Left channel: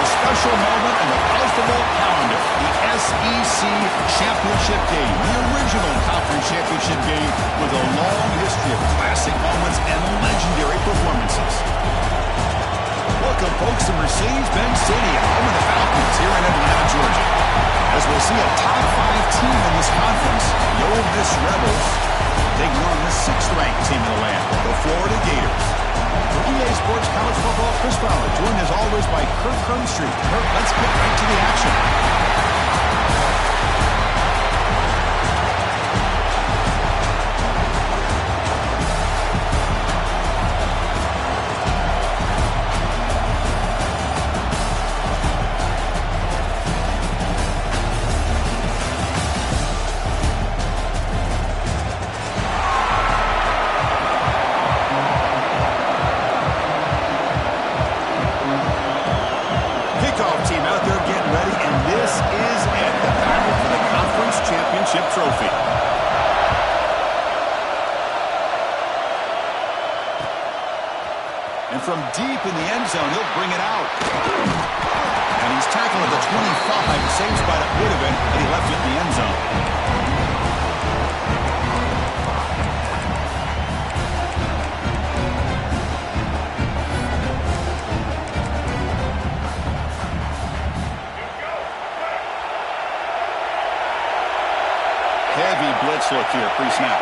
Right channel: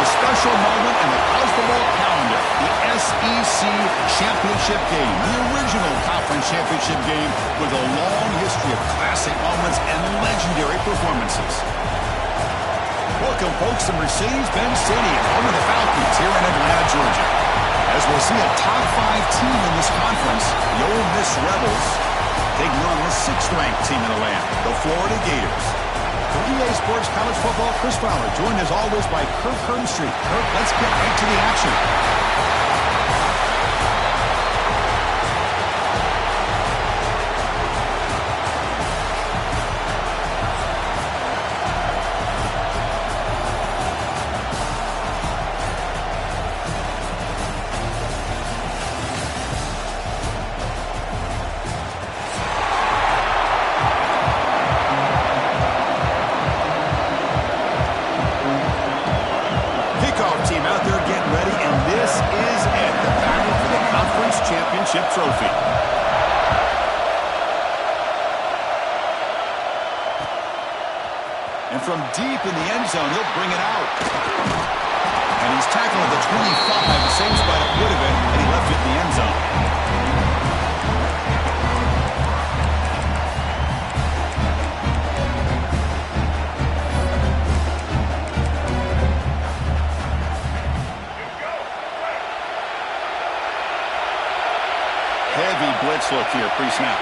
a special moment in the college football calendar. The SEC Championship game, the original conference championship game with a long history of classic moments and legendary performances. Welcome, folks, to Mercedes-Benz Stadium, home of the Falcons here in Atlanta, Georgia. As we'll see a top 5 team in this conference, the Ole Miss Rebels, taking on the 6th-ranked team in the land, the Florida Gators. For EA Sports College Football, Chris Fowler, joined as always by Kirk Hermstreet. Kirk, let's get right to the action. Team out there getting ready, and this is it, the battle for the conference championship trophy. And from deep in the end zone, he'll bring it out. And he's tackled at the 25, the same spot it would have been had he left it in the end zone. Heavy blitz look here, pre-snap.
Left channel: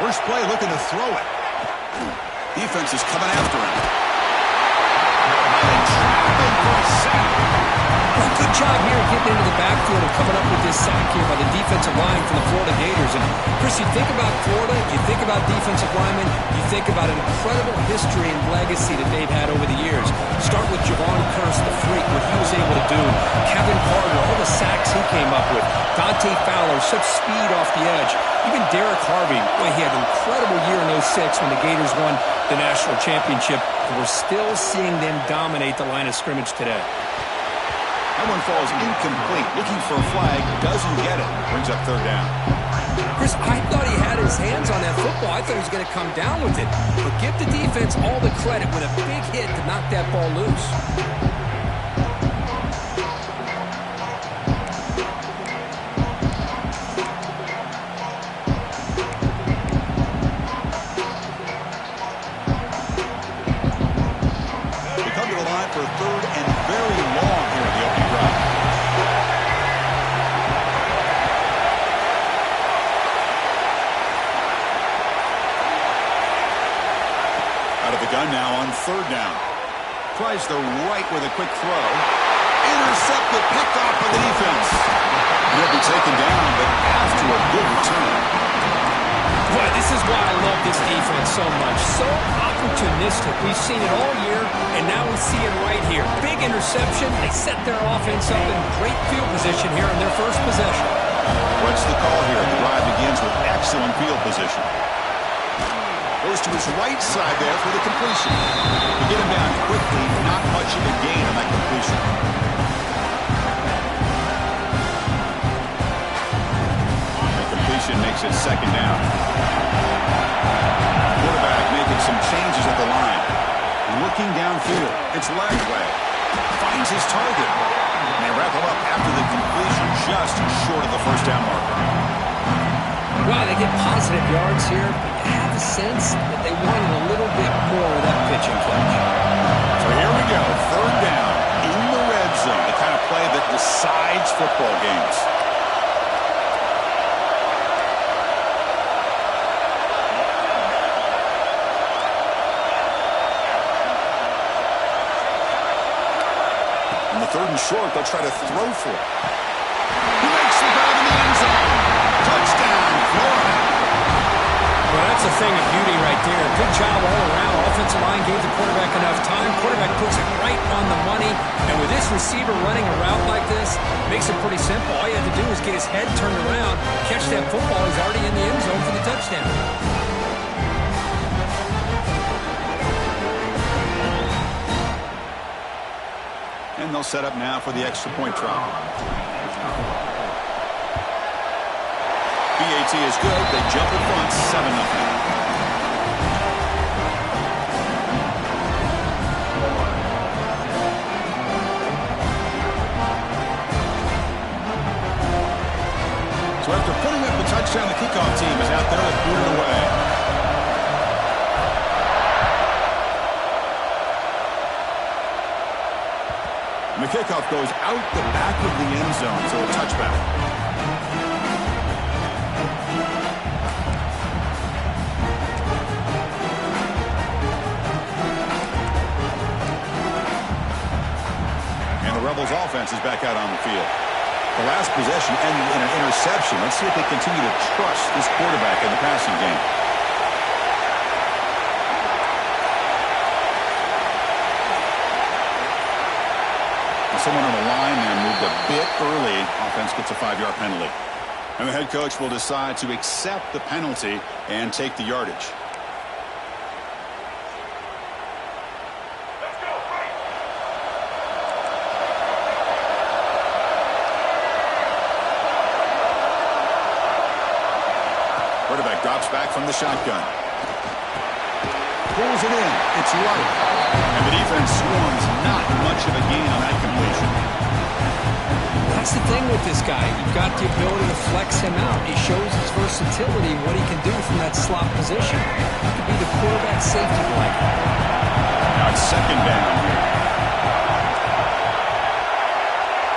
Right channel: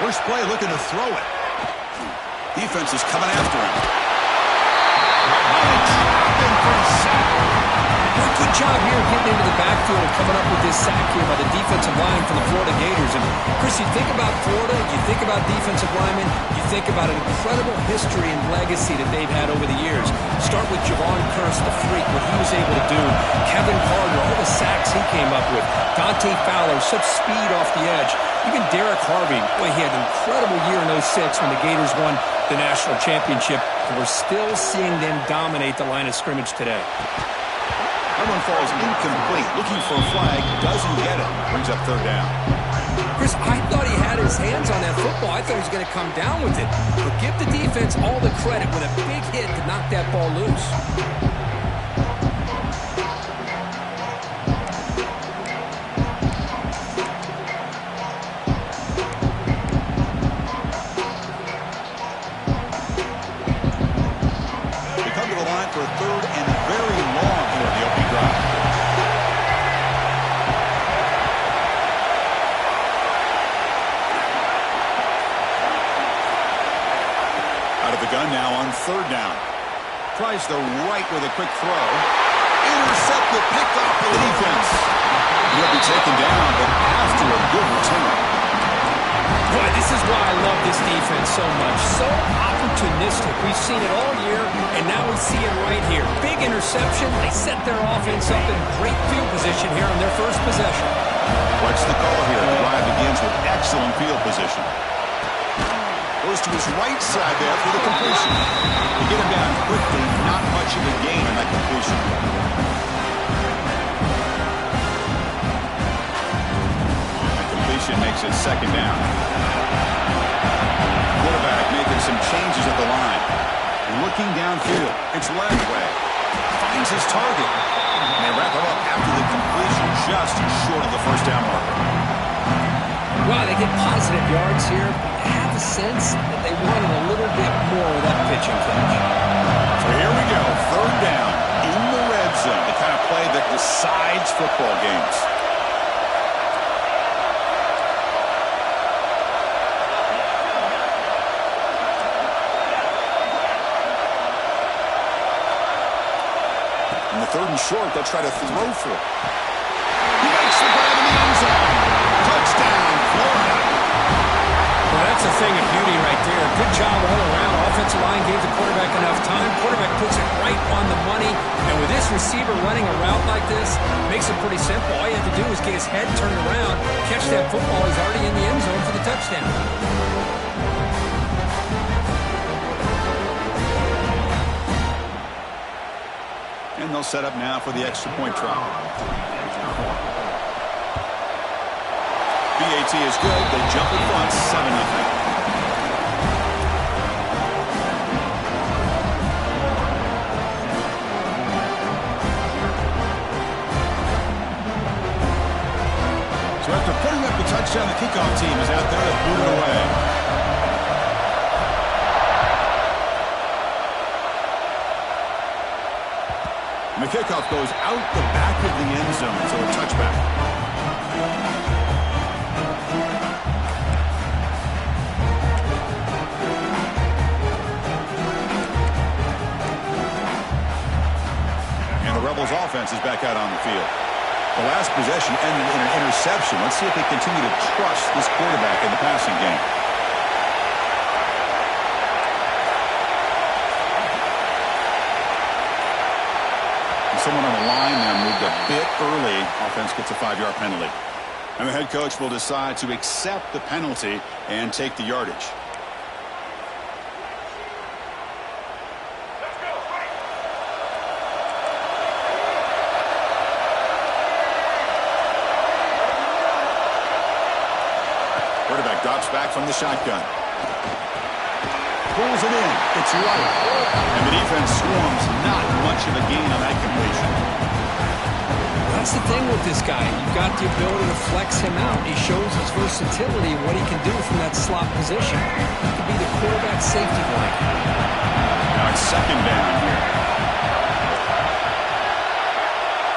First play looking to throw it. Defense is coming after him. And they trap him for a sack. Well, good job here getting into the backfield and coming up with this sack here by the defensive line from the Florida Gators. And, Chris, you think about Florida, you think about defensive linemen, you think about an incredible history and legacy that they've had over the years. Start with Javon Curse, the freak, what he was able to do. Kevin Carter, all the sacks he came up with. Dante Fowler, such speed off the edge. Even Derek Harvey, boy, he had an incredible year in 06 when the Gators won the national championship. And we're still seeing them dominate the line of scrimmage today. That one falls incomplete. Looking for a flag, doesn't get it. Brings up 3rd down. Chris, I thought he had his hands on that football. I thought he was going to come down with it. But give the defense all the credit with a big hit to knock that ball loose. They come to the line for a 3rd and very long here in the opening drive. Out of the gun now on 3rd down. Tries the right with a quick throw. Intercepted, picked off by the defense. He'll be taken down, but after a good return. Boy, this is why I love this defense so much. So opportunistic. We've seen it all year, and now we see it right here. Big interception. They set their offense up in great field position here on their first possession. What's the call here? The drive begins with excellent field position. Goes to his right side there for the completion. To get him down quickly, not much of a gain on that completion. That completion makes it 2nd down. Quarterback making some changes at the line. Looking downfield. It's leg way. Finds his target. And they wrap him up after the completion just short of the 1st down marker. Wow, they get positive yards here. I have a sense that they wanted a little bit more of that pitch and catch. So here we go. 3rd down in the red zone. The kind of play that decides football games. In the 3rd and short, they'll try to throw for it. He makes the grab in the end zone. Touchdown, Florida. Well, that's a thing of beauty right there. Good job all around. Offensive line gave the quarterback enough time. Quarterback puts it right on the money. And with this receiver running a route like this, makes it pretty simple. All you have to do is get his head turned around, catch that football. He's already in the end zone for the touchdown. And they'll set up now for the extra point try. BAT is good. They jump in front, 7-0. So after putting up the touchdown, the kickoff team is out there to boot it away. And the kickoff goes out the back of the end zone, so a touchback. And the Rebels offense is back out on the field. The last possession ended in an interception. Let's see if they continue to trust this quarterback in the passing game. And someone on the line there moved a bit early. Offense gets a 5-yard penalty. And the head coach will decide to accept the penalty and take the yardage. Quarterback drops back from the shotgun. Pulls it in. It's light. And the defense swarms. Not much of a gain on that completion. That's the thing with this guy. You've got the ability to flex him out. He shows his versatility and what he can do from that slot position. He could be the quarterback safety blanket. Now it's second down here.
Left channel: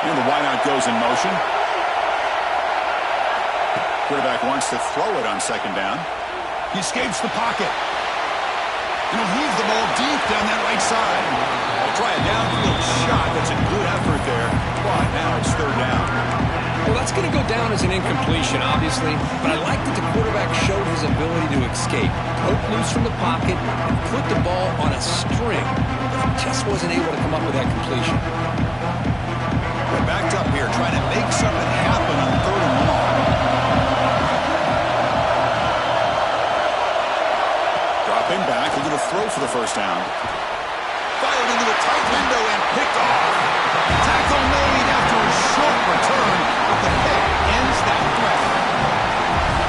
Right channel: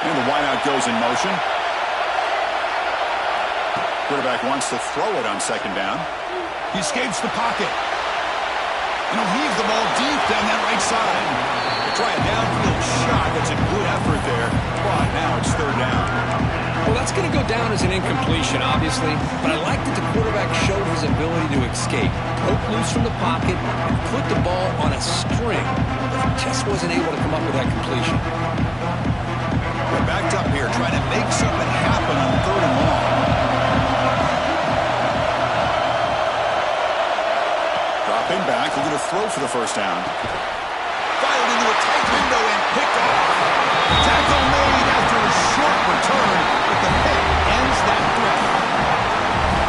And the wideout goes in motion. Quarterback wants to throw it on second down. He escapes the pocket. And he'll heave the ball deep down that right side. They try a downfield shot. That's a good effort there. But now it's third down. Well, that's going to go down as an incompletion, obviously. But I like that the quarterback showed his ability to escape. Broke loose from the pocket and put the ball on a string. But he just wasn't able to come up with that completion. We're backed up here trying to make something happen on third and long. Dropping back, looking to throw for the first down. Fired into a tight window and picked off. Tackle made after a short return, but the pick ends that threat.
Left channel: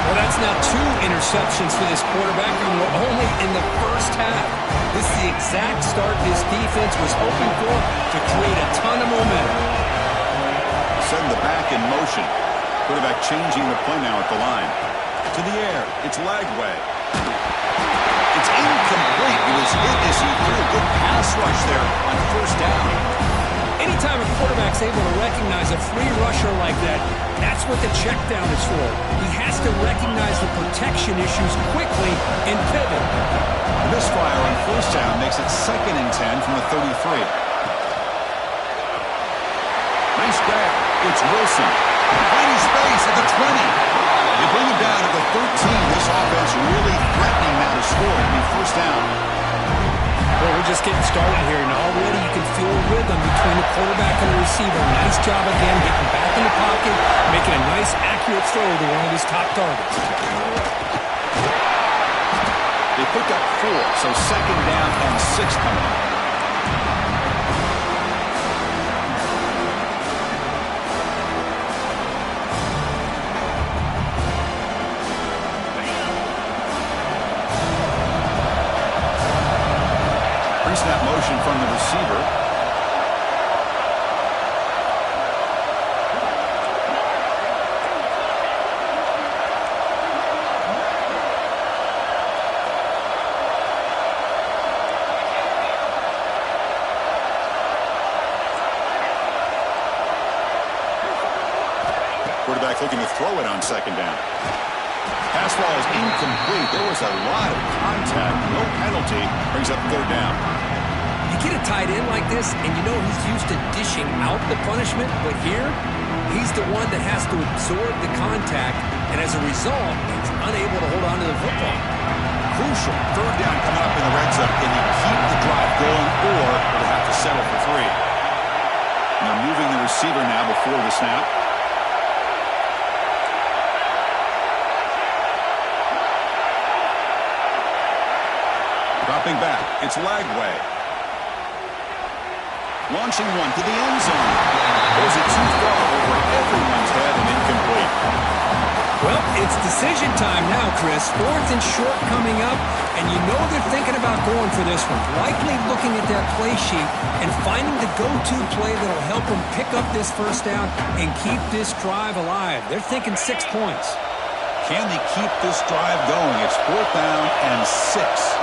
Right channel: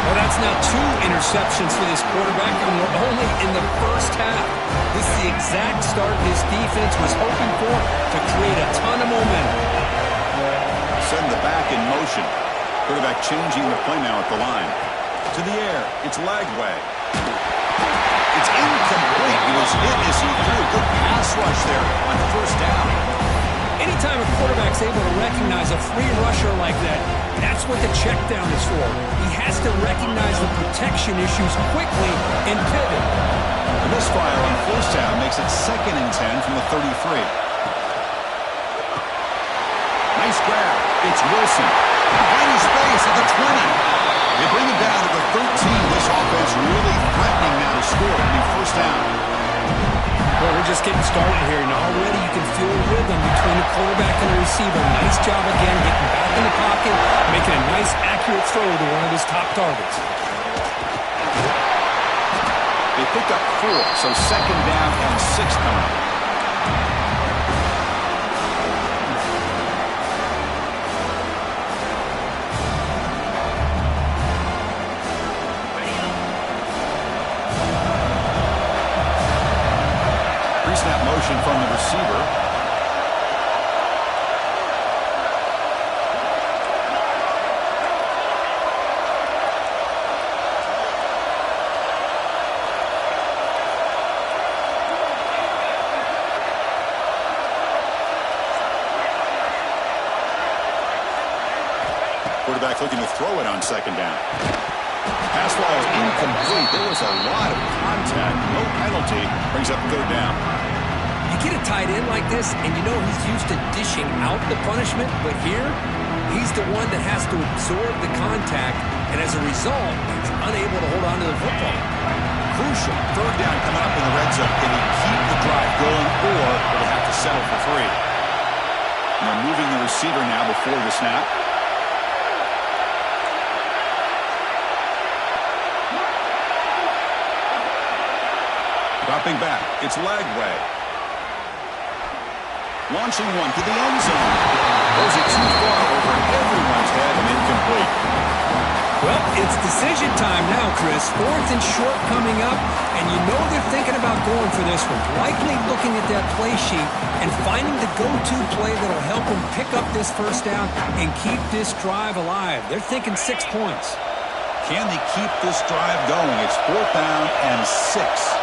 Well, that's now 2 interceptions for this quarterback, and we're only in the first half. This is the exact start this defense was hoping for to create a ton of momentum. Send the back in motion. Quarterback changing the play now at the line. To the air. It's Lagway. It's incomplete. He was hit as he threw a good pass rush there on first down. Anytime a quarterback's able to recognize a free rusher like that, that's what the check down is for. He has to recognize the protection issues quickly and pivot. The misfire on first down makes it 2nd and 10 from the 33. Nice grab. It's Wilson. Finding space at the 20. They bring it down to the 13. This offense really threatening now to score. It'll be first down. Well, we're just getting started here, and already you can feel a rhythm between the quarterback and the receiver. Nice job again, getting back in the pocket, making a nice, accurate throw to one of his top targets. They pick up 4, so second down and 6 coming up. Pre-snap motion from the receiver. Quarterback looking to throw it on second down. Pass ball is incomplete. There was a lot of contact. No penalty. Brings up third down. You get a tight end like this, and you know he's used to dishing out the punishment, but here, he's the one that has to absorb the contact, and as a result, he's unable to hold on to the football. Crucial. Third down coming up in the red zone. Can he keep the drive going, or will they have to settle for 3? And they're moving the receiver now before the snap. Dropping back, it's Lagway. Launching one to the end zone. Goes it too far over everyone's head and incomplete. Well, it's decision time now, Chris. 4th and short coming up, and you know they're thinking about going for this one. Likely looking at that play sheet and finding the go-to play that'll help them pick up this first down and keep this drive alive. They're thinking 6 points. Can they keep this drive going? It's 4th down and 6.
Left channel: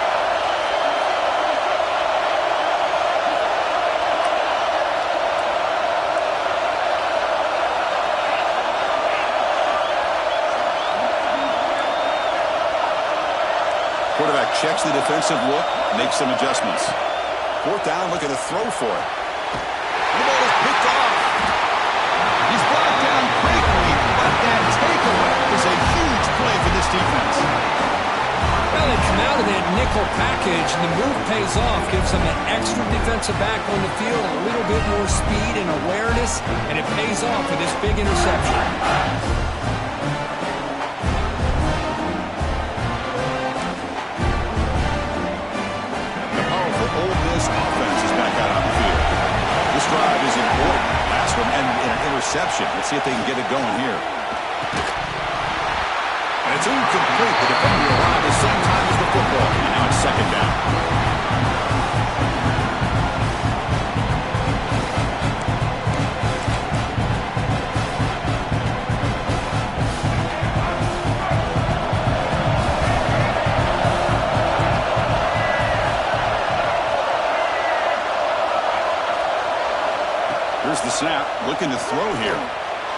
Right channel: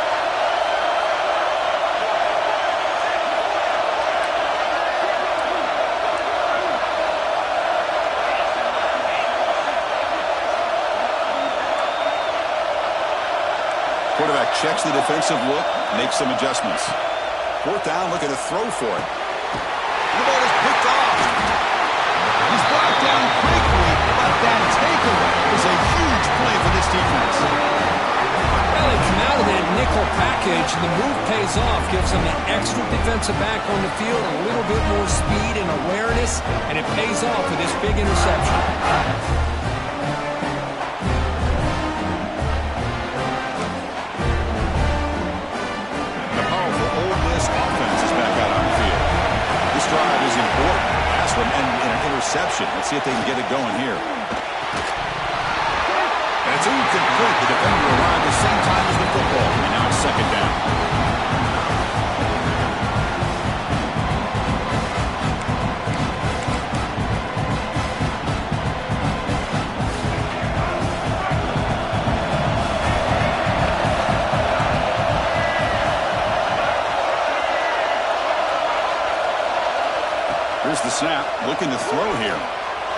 Quarterback checks the defensive look, makes some adjustments. 4th down, looking to throw for it. The ball is picked off. He's brought down quickly, but that takeaway is a huge play for this defense. Well, they come out of that nickel package, and the move pays off, gives them an extra defensive back on the field, a little bit more speed and awareness, and it pays off with this big interception. Ole Miss offense is back out on the field. This drive is important. Last one ended in an interception. Let's see if they can get it going here. And it's incomplete. The defender arrived at the same time as the football. And now it's 2nd down. Here's the snap, looking to throw here.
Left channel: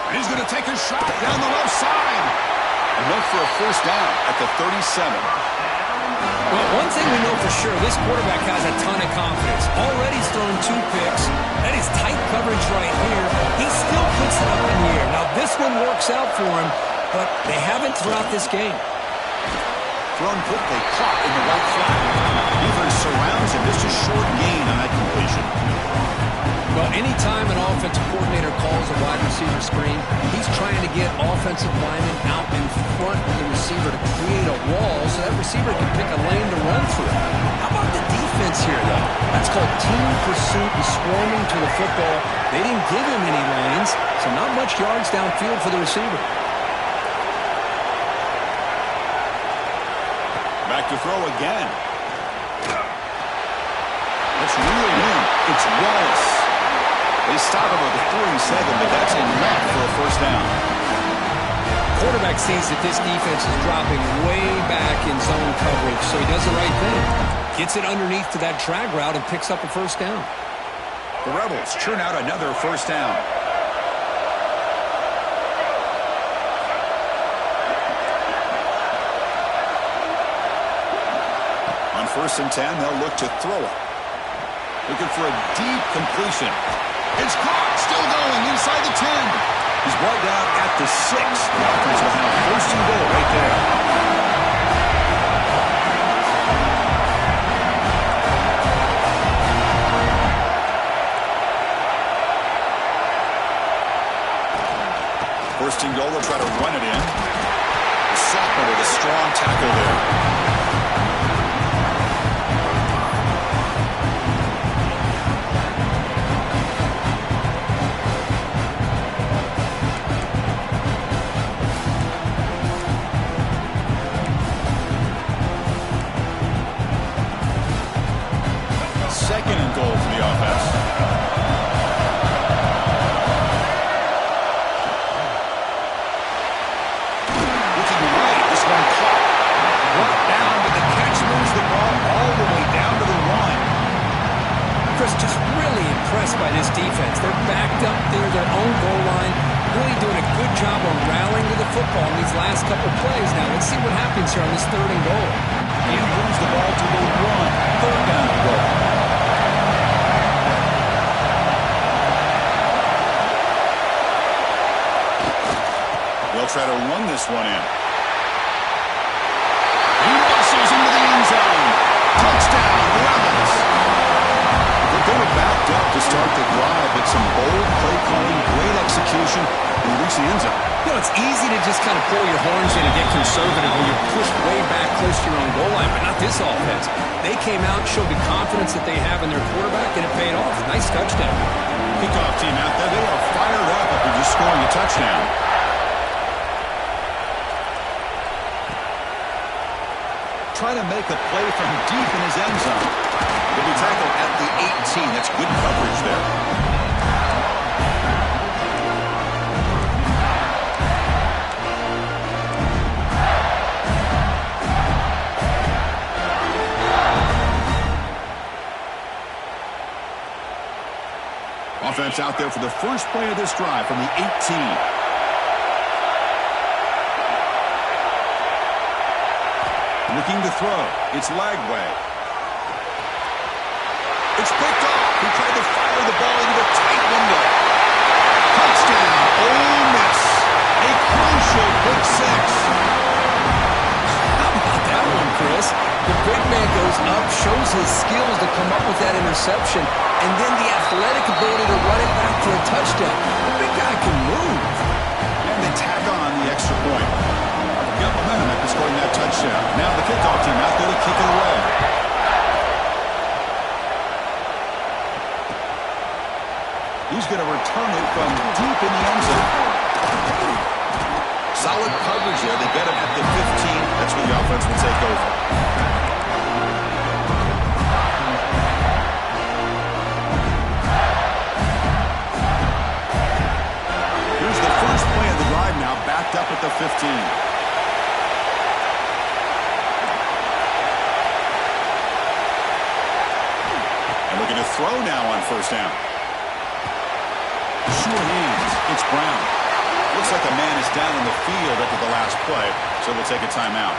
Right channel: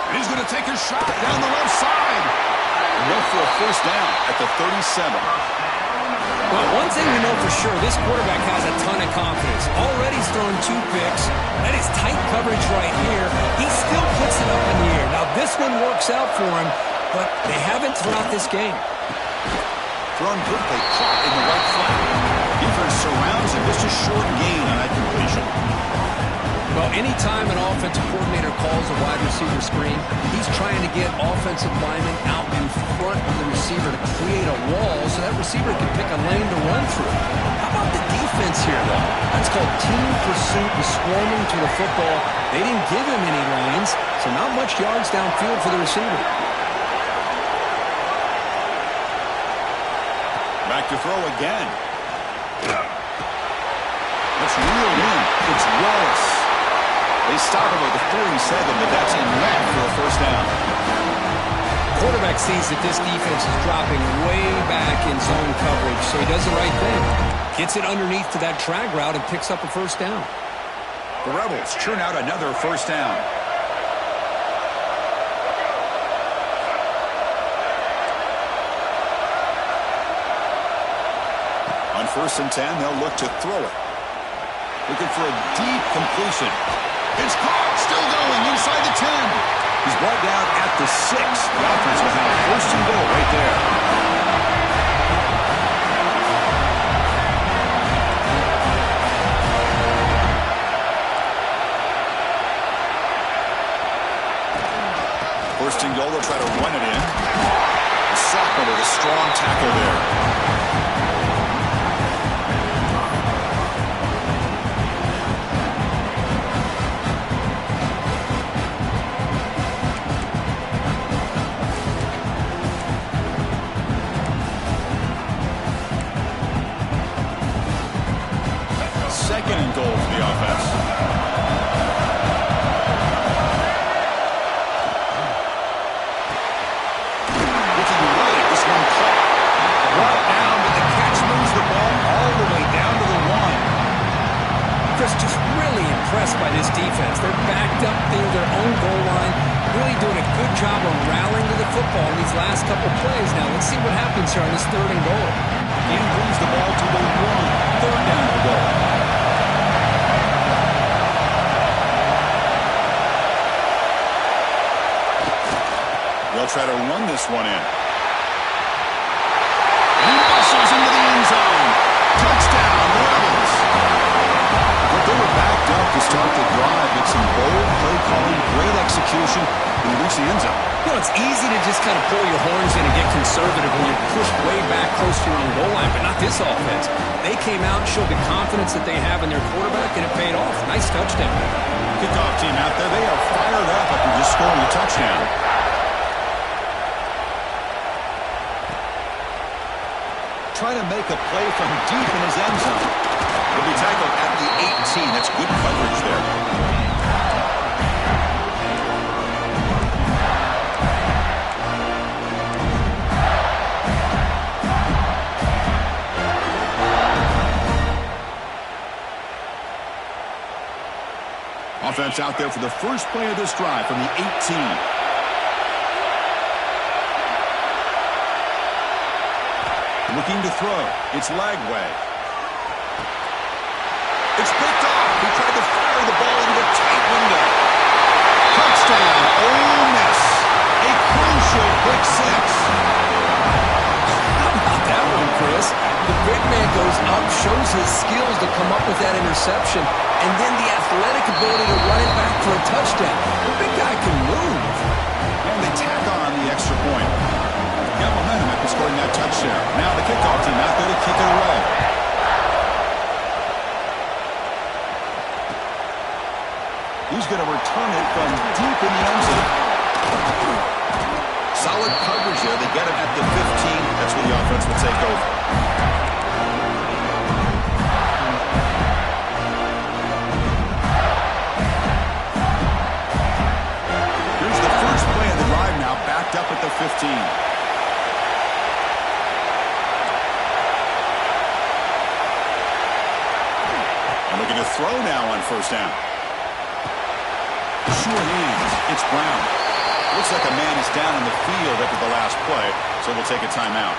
And he's going to take a shot down the left side. Enough for a first down at the 37. Well, one thing we know for sure, this quarterback has a ton of confidence. Already he's thrown 2 picks. That is tight coverage right here. He still puts it up in the air. Now, this one works out for him, but they haven't throughout this game. Thrown quickly, caught in the right flat. Defense surrounds him. Just a short gain on that completion. Well, anytime an offensive coordinator calls a wide receiver screen, he's trying to get offensive linemen out in front of the receiver to create a wall so that receiver can pick a lane to run through. How about the defense here, though? That's called team pursuit and swarming to the football. They didn't give him any lanes, so not much yards downfield for the receiver. Back to throw again. Let's reel in. It's Wallace. They stop him at the 47, but that's enough for a first down. Quarterback sees that this defense is dropping way back in zone coverage, so he does the right thing. Gets it underneath to that drag route and picks up a first down. The Rebels churn out another first down. On 1st and 10, they'll look to throw it. Looking for a deep completion. It's caught, still going inside the 10. He's brought down at the 6. The offense will have 1st and goal right there. First and goal, they'll try to run it in. The sophomore with a strong tackle there. Second and goal for the offense. Looking right, this one caught. Brought down, but the catch moves the ball all the way down to the 1. Chris, just really impressed by this defense. They're backed up near their own goal line, really doing a good job of rallying to the football in these last couple plays. Now, let's see what happens here on this 3rd and goal. He moves the ball to the 1. 3rd down and goal. They'll try to run this one in. He bustles into the end zone. Touchdown, Rebels. But they were backed up to start the drive, but some bold play calling, great execution, and they reach the end zone. You know, it's easy to just kind of pull your horns in and get conservative when you're pushed way back close to your own goal line, but not this offense. They came out, showed the confidence that they have in their quarterback, and it paid off. Nice touchdown. Kickoff team out there, they are fired up after just scoring a touchdown. trying to make a play from deep in his end zone. He'll be tackled at the 18. That's good coverage there. Offense out there for the first play of this drive from the 18. Looking to throw. It's Lagway. It's picked off. He tried to fire the ball into a tight window. Touchdown, Ole Miss. A crucial pick six. How about that one, Chris? The big man goes up, shows his skills to come up with that interception, and then the athletic ability to run it back for a touchdown. The big guy can move. And they tack on the extra point. Got momentum after scoring that touchdown. Now the kickoff team out there to kick it away. He's going to return it from deep in the end zone. Solid coverage there. They get him at the 15. That's where the offense will take over. Here's the first play of the drive now, backed up at the 15. And looking to throw now on first down. Sure hands. It's Brown. Looks like a man is down on the field after the last play, so they'll take a timeout.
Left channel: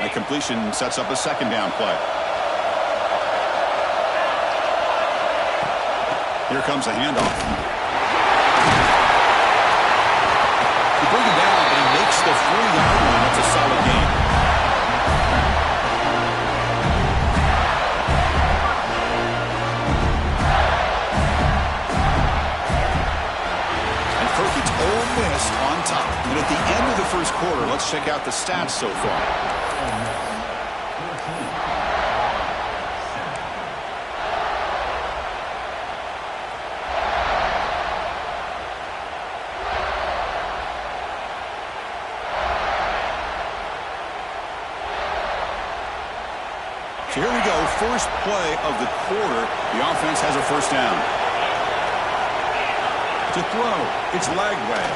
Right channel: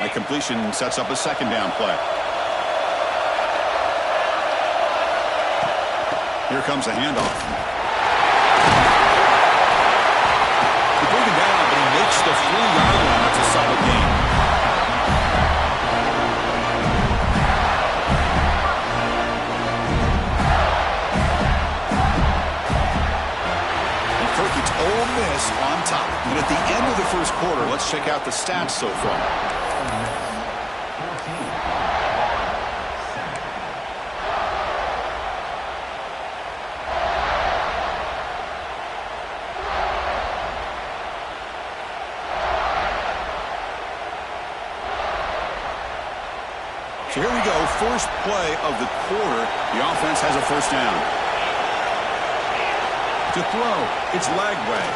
That completion sets up a second down play. Here comes a handoff. Bring him down, but he makes the 4-yard line. That's a solid gain. And Kirk, it's Ole Miss on top. And at the end of the first quarter, let's check out the stats so far. So here we go, first play of the quarter. The offense has a first down. To throw, it's Lagway.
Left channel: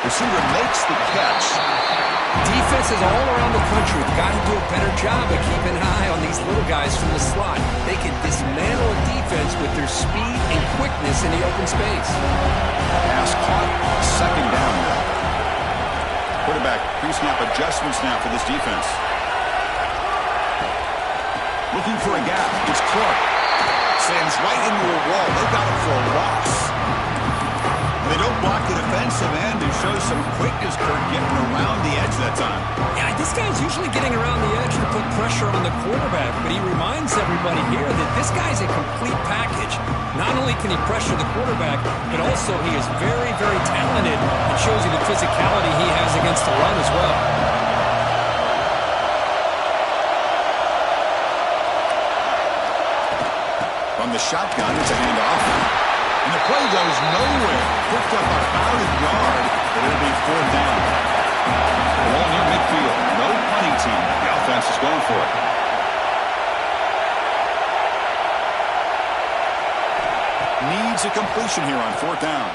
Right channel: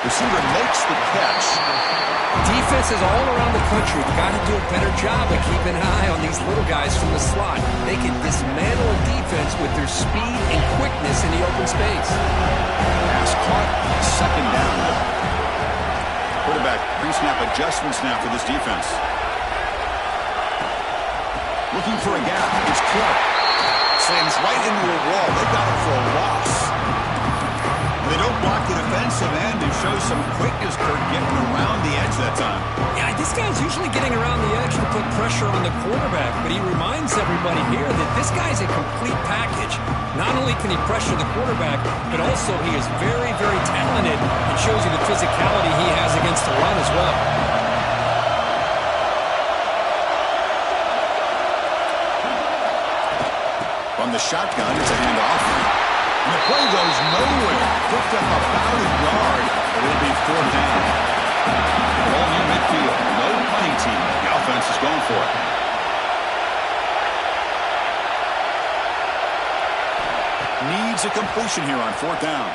Receiver makes the catch. Defenses all around the country have got to do a better job of keeping an eye on these little guys from the slot. They can dismantle a defense with their speed and quickness in the open space. Pass caught, second down now. Quarterback pre-snap adjustments now for this defense. Looking for a gap. It's Clark. Slams right into a wall. They've got him for a loss. They don't block the defensive end and show some quickness, Kirk, getting around the edge that time. Yeah, this guy's usually getting around the edge to put pressure on the quarterback, but he reminds everybody here that this guy's a complete package. Not only can he pressure the quarterback, but also he is very, very talented and shows you the physicality he has against the run as well. From the shotgun, it's a handoff. And the play goes nowhere. Picked up about a yard, but it'll be fourth down. Ball near midfield. No punting team. The offense is going for it. Needs a completion here on fourth down.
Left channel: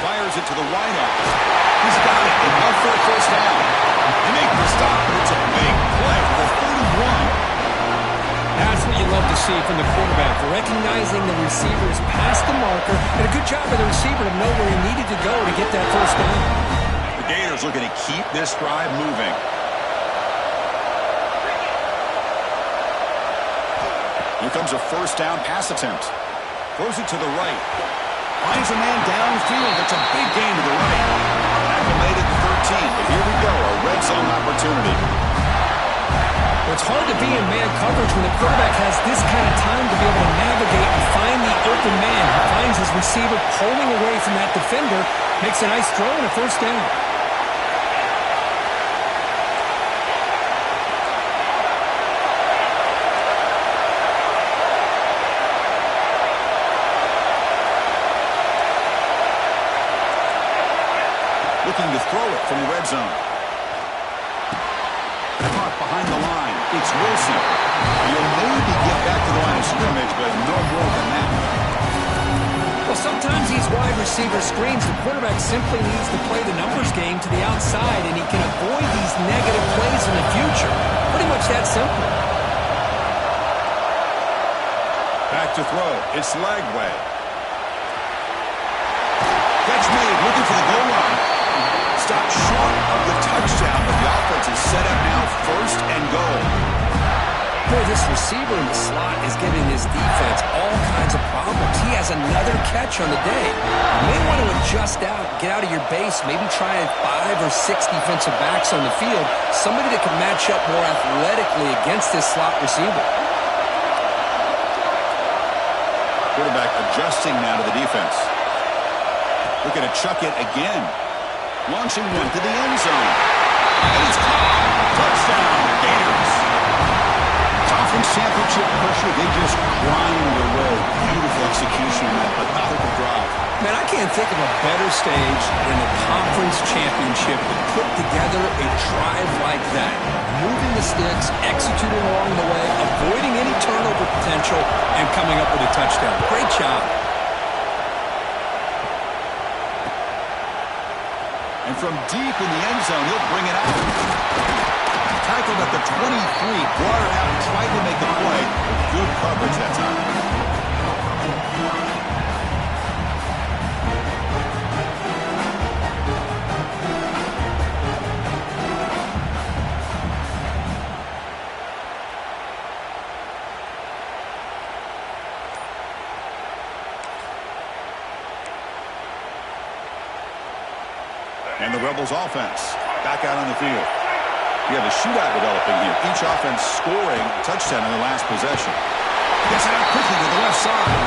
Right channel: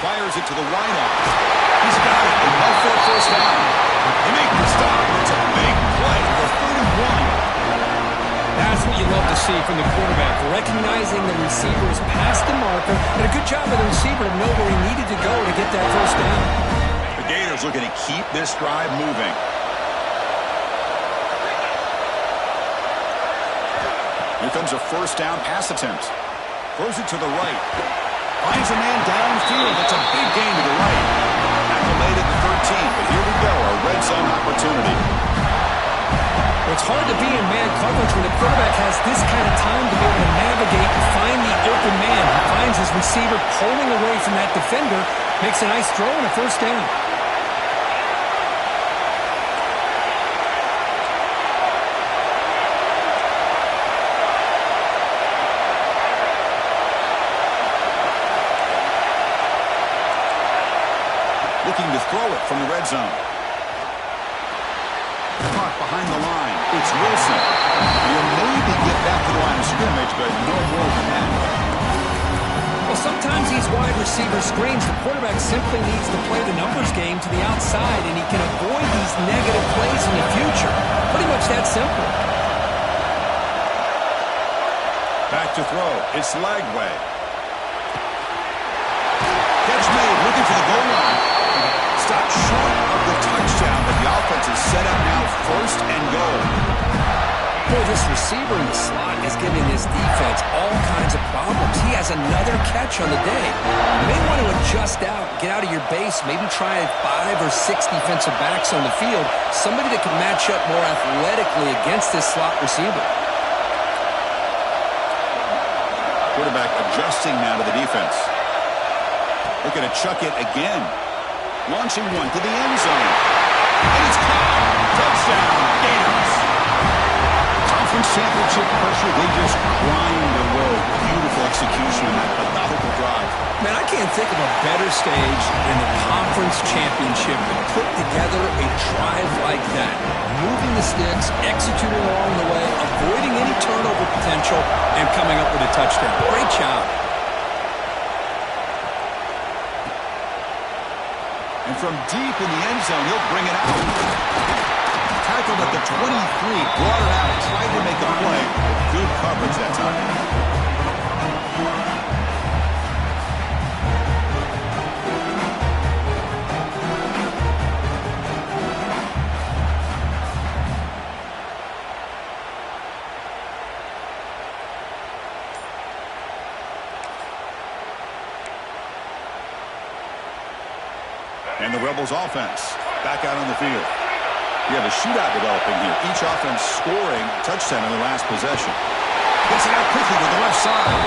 Fires it to the wideout. He's got it. Enough for a first down. They make the stop, but it's a big play for the 31. That's what you love to see from the quarterback, recognizing the receiver is past the marker, and a good job of the receiver to know where he needed to go to get that first down. The Gators looking to keep this drive moving. Here comes a first down pass attempt. Throws it to the right. Finds a man downfield. That's a big gain to the right. Tackle made at the 13, but here we go, a red zone opportunity. It's hard to be in man coverage when the quarterback has this kind of time to be able to navigate and find the open man. He finds his receiver pulling away from that defender, makes a nice throw and a first down. looking to throw it from the red zone. Caught behind the line. It's Wilson. He'll maybe get back to the line of scrimmage, but no more than that. Well, sometimes these wide receiver screens, the quarterback simply needs to play the numbers game to the outside, and he can avoid these negative plays in the future. Pretty much that simple. Back to throw. It's Lagway. Catch made, looking for the goal line. Stopped short of the touchdown, but the offense is set up now, first and goal. Boy, this receiver in the slot is giving this defense all kinds of problems. He has another catch on the day. You may want to adjust out, get out of your base, maybe try 5 or 6 defensive backs on the field, somebody that can match up more athletically against this slot receiver. Quarterback adjusting now to the defense. Looking to chuck it again. Launching one to the end zone. And it's caught. Touchdown, Gators. Conference championship pressure, they just grind away. Beautiful execution on that methodical drive. Man, I can't think of a better stage than the conference championship to put together a drive like that. Moving the sticks, executing along the way, avoiding any turnover potential, and coming up with a touchdown. Great job. And from deep in the end zone, he'll bring it out. Tackled at the 23, brought it out, tried to make a play, but good coverage that time. And the Rebels offense back out on the field. You have a shootout developing here. Each offense scoring a touchdown in their last possession. Gets it out quickly to the left side.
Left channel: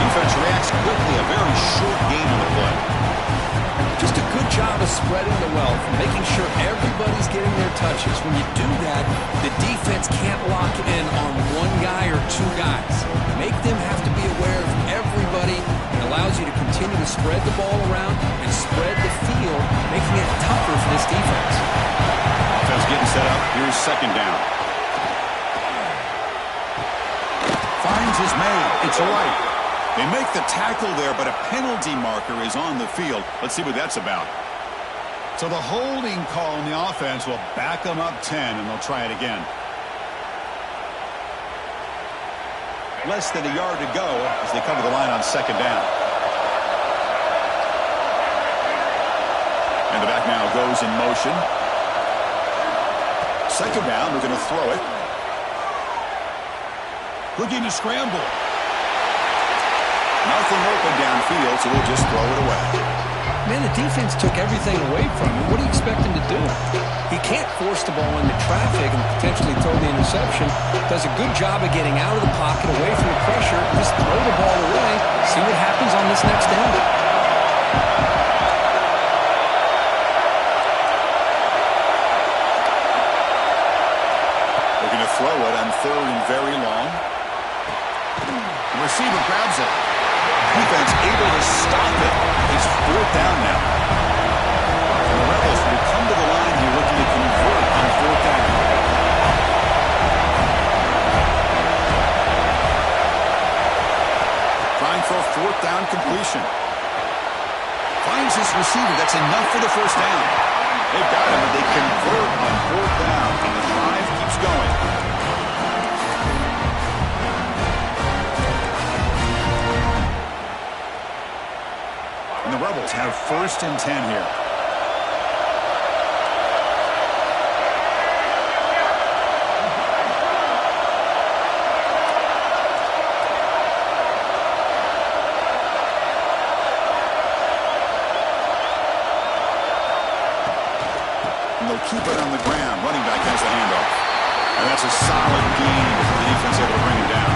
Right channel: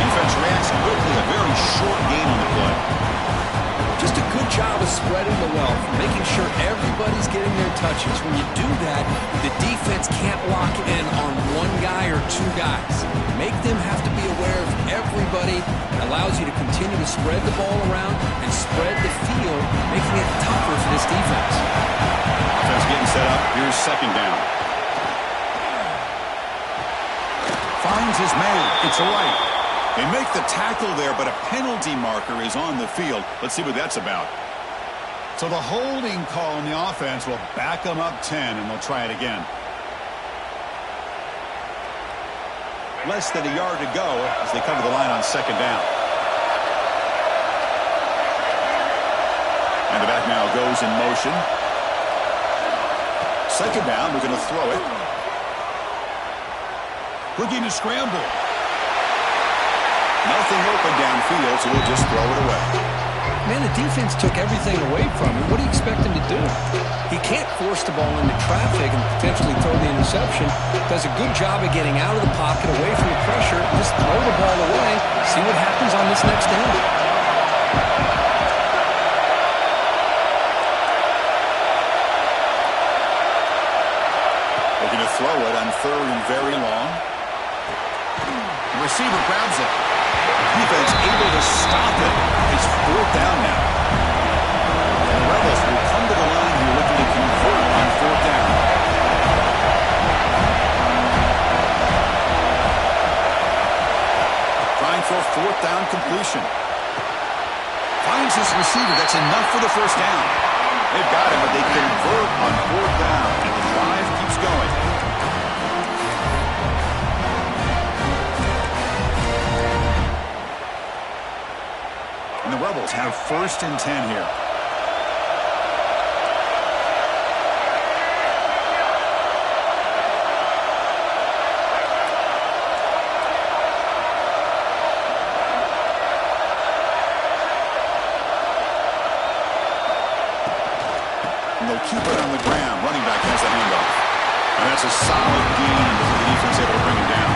Defense reacts quickly. A very short gain on the play. Just a good job of spreading the wealth, making sure everybody's getting their touches. When you do that, the defense can't lock in on one guy or 2 guys. Make them have to be aware of everybody. It allows you to continue to spread the ball around and spread the field, making it tougher for this defense. Offense getting set up. Here's second down. Finds his man. It's right. They make the tackle there, but a penalty marker is on the field. Let's see what that's about. So the holding call on the offense will back them up 10, and they'll try it again. Less than a yard to go as they come to the line on second down. And the back now goes in motion. Second down, we're going to throw it. Looking to scramble. Nothing open downfield, so we'll just throw it away. Man, the defense took everything away from him. What do you expect him to do? He can't force the ball into traffic and potentially throw the interception. Does a good job of getting out of the pocket, away from the pressure, just throw the ball away, see what happens on this next down. Looking to throw it on third and very long. The receiver grabs it. Defense able to stop it. It's fourth down now. And the Rebels will come to the line here looking to convert on fourth down. Trying for a fourth down completion. Finds his receiver. That's enough for the first down. They've got him, but they convert on fourth down. And the drive keeps going. And the Rebels have first and 10 here. And they'll keep it on the ground. Running back has the handoff. And that's a solid gain before the defense able to bring him down.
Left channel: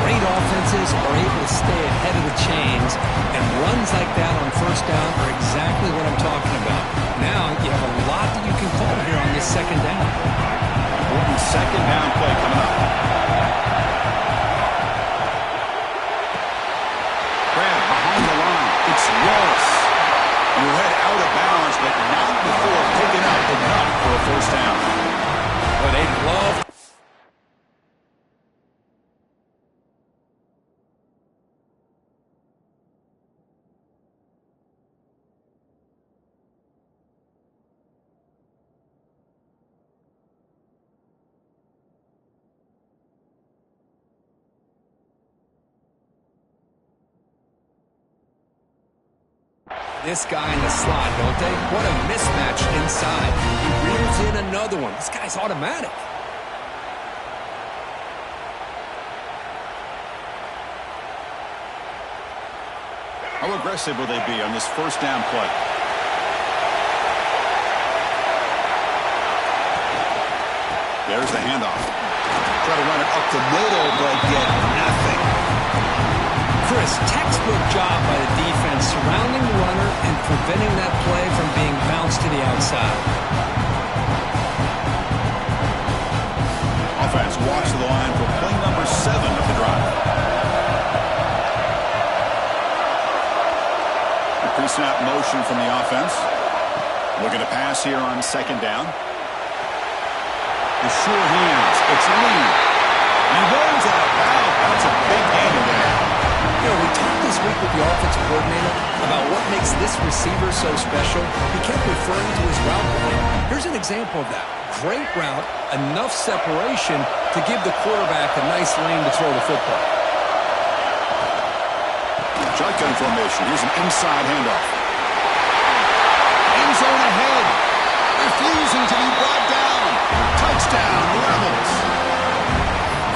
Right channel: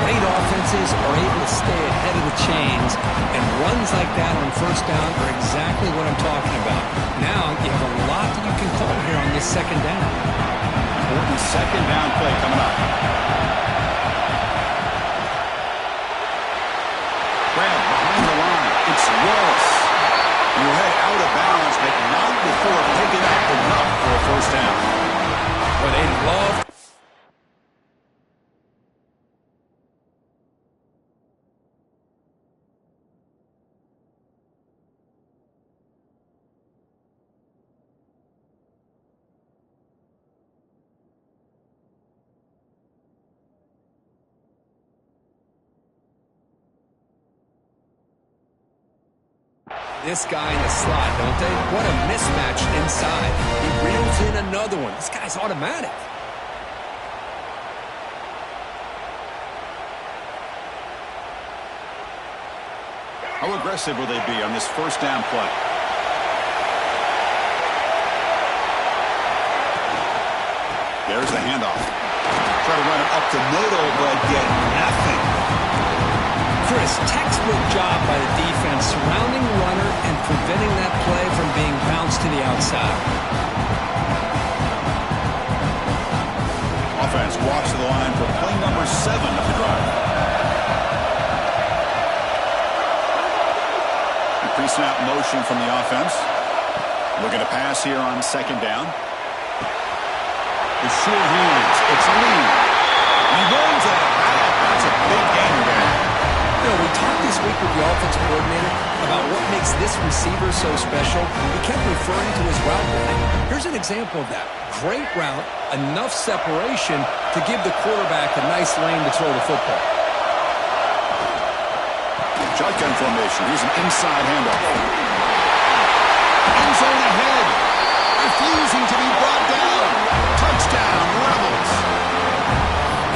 Great offenses are able to stay ahead of the chains, and runs like that on first down are exactly what I'm talking about. Now you have a lot that you can call here on this second down. Important second down play coming up. Grab behind the line. It's Wallace. You'll head out of bounds, but not before picking up enough for a first down. Well, they love... this guy in the slot, don't they? What a mismatch inside. He reels in another one. This guy's automatic. How aggressive will they be on this first down play? There's the handoff. Try to run it up the middle, but get nothing. Chris, textbook job by the defense surrounding the runner and preventing that play from being bounced to the outside. Offense walks to the line for play number 7 of the drive. A pre-snap motion from the offense. Looking to pass here on second down. The sure hands. It's Lee. He runs out of bounds. That's a big gain there. You know, we talked this week with the offensive coordinator about what makes this receiver so special. He kept referring to his route running. Here's an example of that. Great route, enough separation to give the quarterback a nice lane to throw the football. Shotgun formation. Here's an inside handoff. End zone ahead. Refusing to be brought down. Touchdown, Rebels.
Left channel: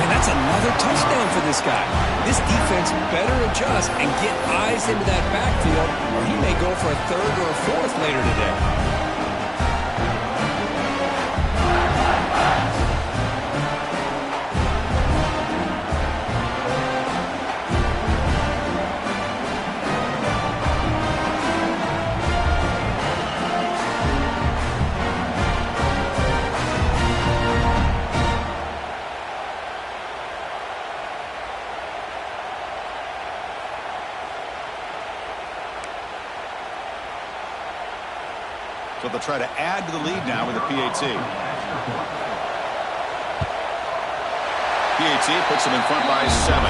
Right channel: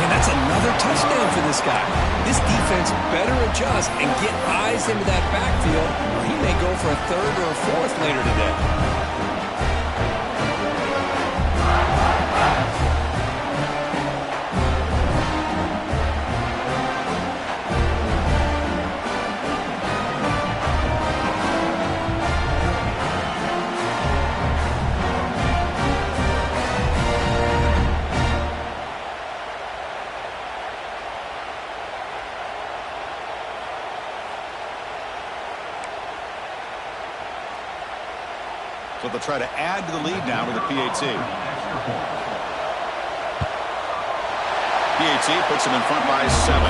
And that's another touchdown for this guy. This defense better adjust and get eyes into that backfield, or he may go for a third or a fourth later today. So they'll try to add to the lead now with a PAT. PAT puts them in front by 7.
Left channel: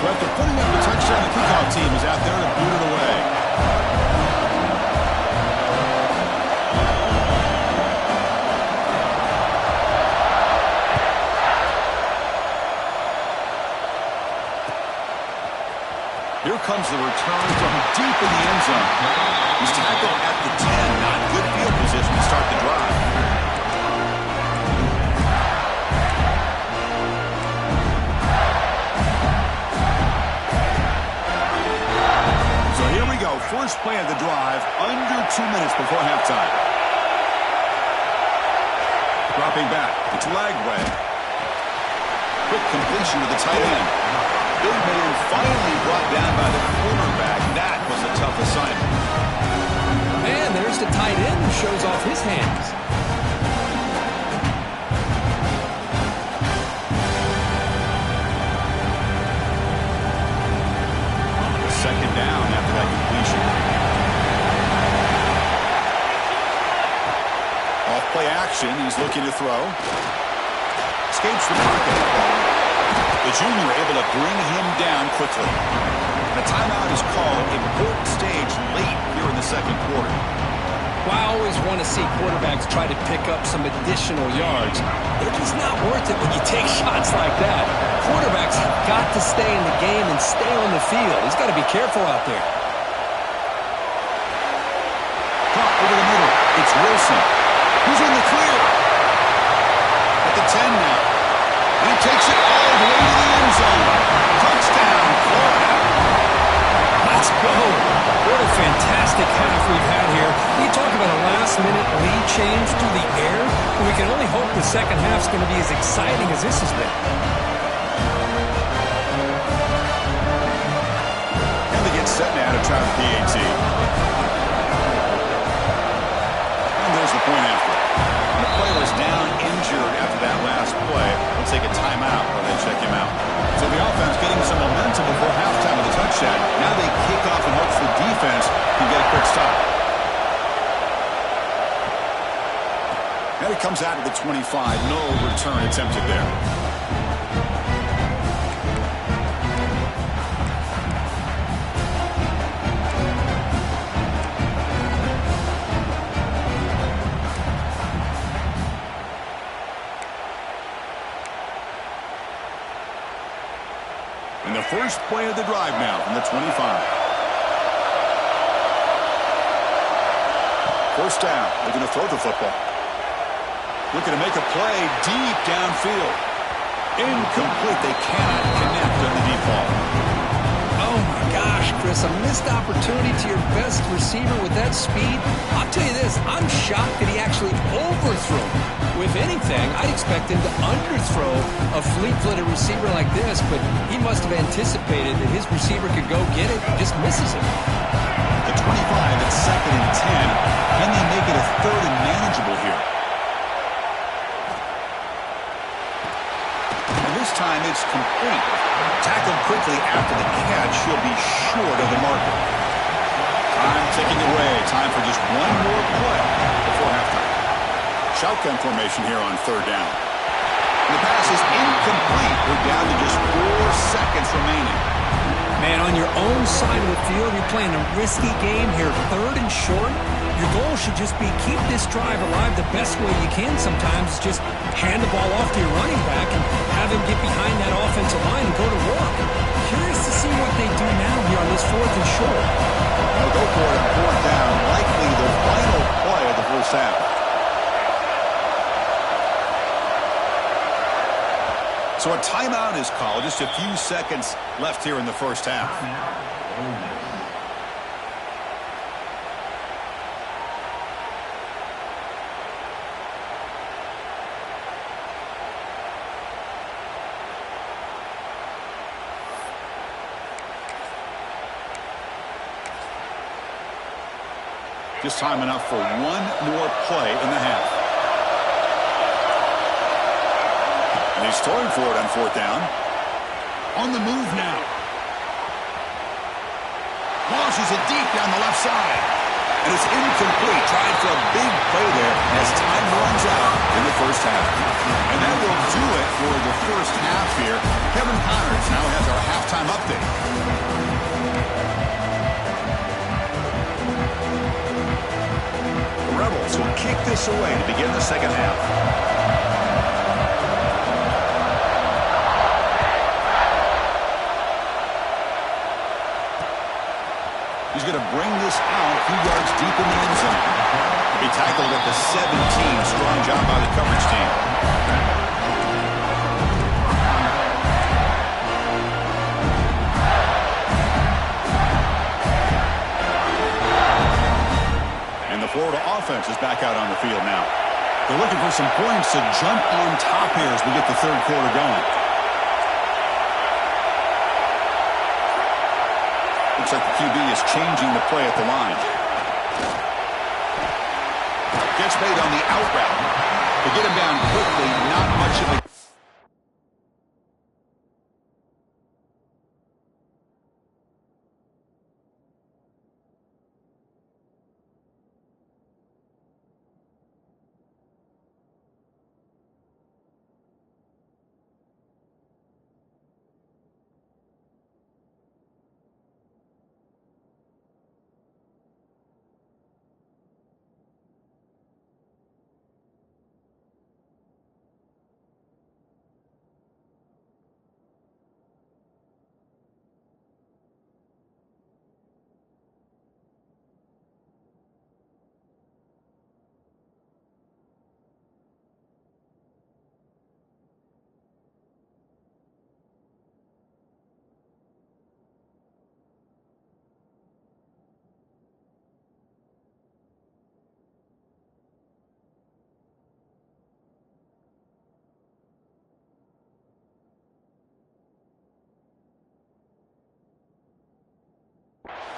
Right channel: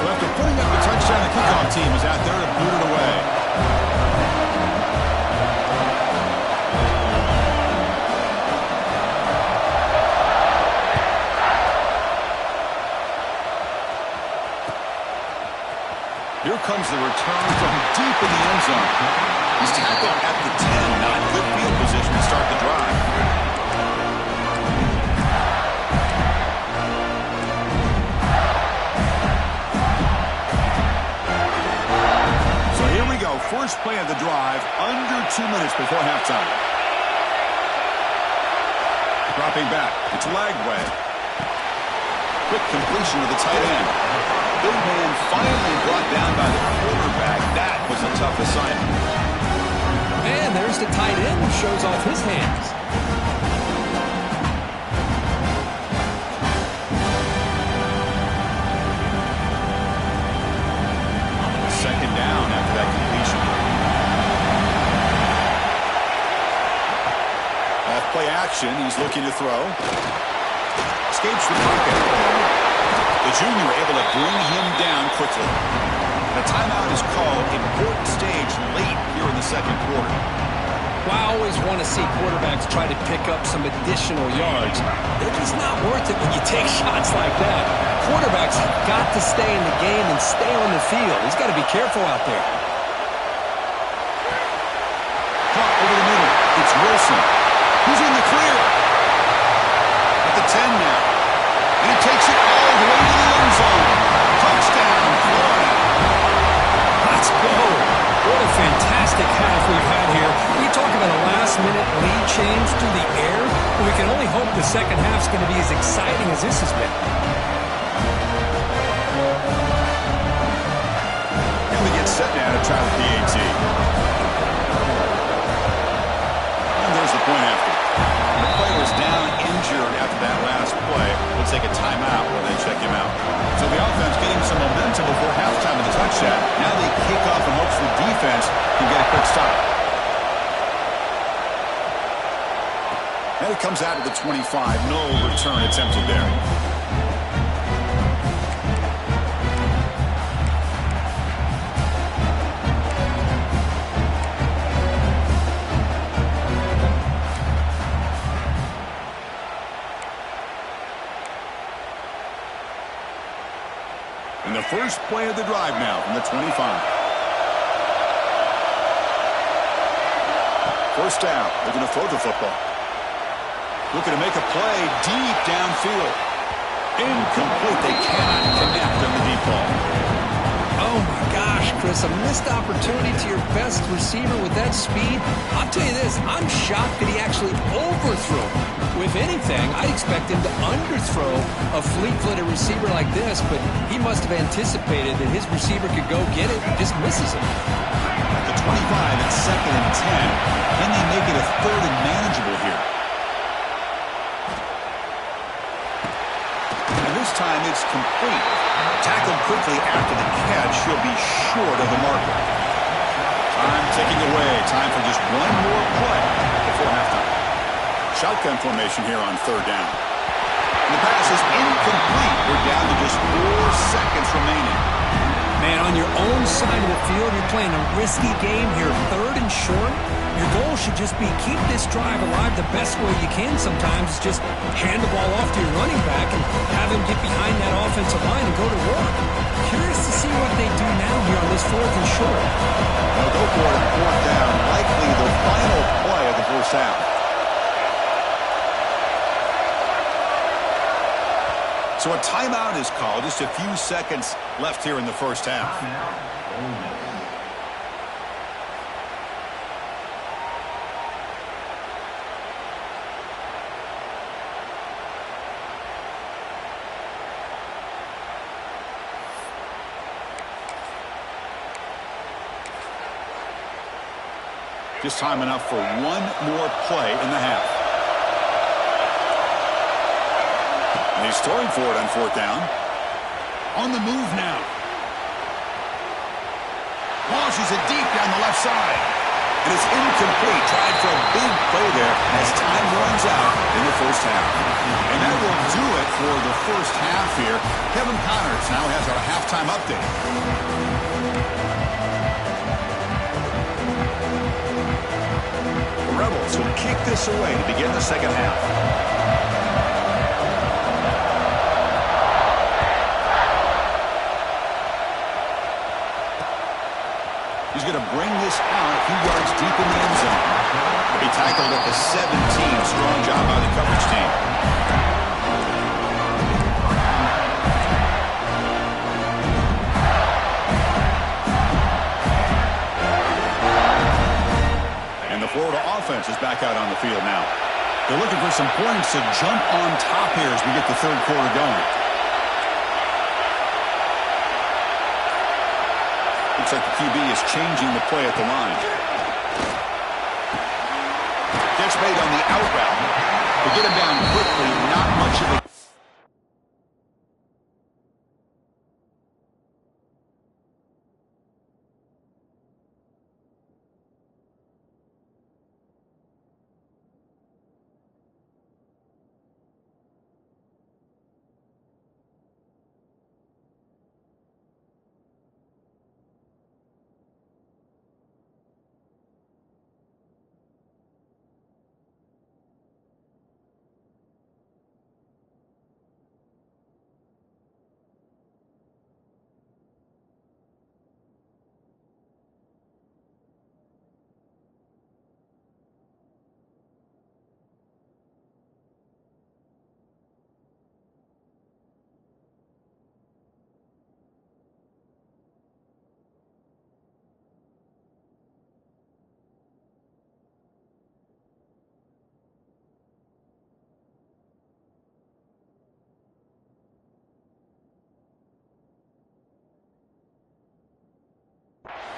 So after putting up the touchdown, the kickoff team is out there to boot it away. Here comes the return from deep in the end zone. He's tackled at the 10. Not good field position to start the drive. So here we go. First play of the drive, under 2 minutes before halftime. Dropping back. It's Lagway. Quick completion to the tight end. Big man finally brought down by the quarterback. That was a tough assignment. And there's the tight end who shows off his hands. On the second down after that completion. Off play action. He's looking to throw. Escapes the pocket. The junior able to bring him down quickly. The timeout is called. Important stage late here in the second quarter. Well, I always want to see quarterbacks try to pick up some additional yards. They're just not worth it when you take shots like that. Quarterbacks have got to stay in the game and stay on the field. He's got to be careful out there. Caught over the middle. It's Wilson. Who's in the clear? At the 10 now. And he takes it all the way to the end zone. Touchdown, Florida. Let's go. What a fantastic half we've had here. You talk about a last-minute lead change through the air. We can only hope the second half's going to be as exciting as this has been. And they get set now to try the PAT. And here's the point after. When the player is down injured after that last play, we'll take a timeout where they check him out. So the offense getting some momentum before halftime with the touchdown. Now they kick off in hopes the defense can get a quick stop. And it comes out to the 25. No return attempted there. And the first play of the drive now from the 25. First down. They're going to throw the football. Looking to make a play deep downfield. Incomplete. They cannot connect on the deep ball. Oh, my gosh, Chris, a missed opportunity to your best receiver with that speed. I'll tell you this, I'm shocked that he actually overthrew. If anything, I'd expect him to underthrow a fleet-footed receiver like this, but he must have anticipated that his receiver could go get it and just misses him. The 25 at 2nd and 10. Can they make it a 3rd and manageable here? And this time it's complete. Tackled quickly after the catch. He'll be short of the marker. Time ticking away. Time for just one more play before halftime. Shotgun formation here on 3rd down. And the pass is incomplete. We're down to just 4 seconds remaining. Man, on your own side of the field, you're playing a risky game here, 3rd and short. Your goal should just be keep this drive alive the best way you can sometimes. Is just hand the ball off to your running back and have him get behind that offensive line and go to work. Curious to see what they do now here on this 4th and short. They'll go for it on 4th down. Likely the final play of the first half. So a timeout is called. Just a few seconds left here in the first half. Just time enough for one more play in the half. And he's throwing for it on 4th down. On the move now. Launches it deep down the left side. And it's incomplete. Tried for a big play there as time runs out in the first half. And that will do it for the first half here. Kevin Connors now has our halftime update. The Rebels will kick this away to begin the second half. He's going to bring this out a few yards deep in the end zone. He tackled at the 17. Strong job by the coverage team. And the Florida offense is back out on the field now. They're looking for some points to jump on top here as we get the 3rd quarter going. Looks like the QB is changing the play at the line. Gets made on the out route. To get him down quickly, not much of a...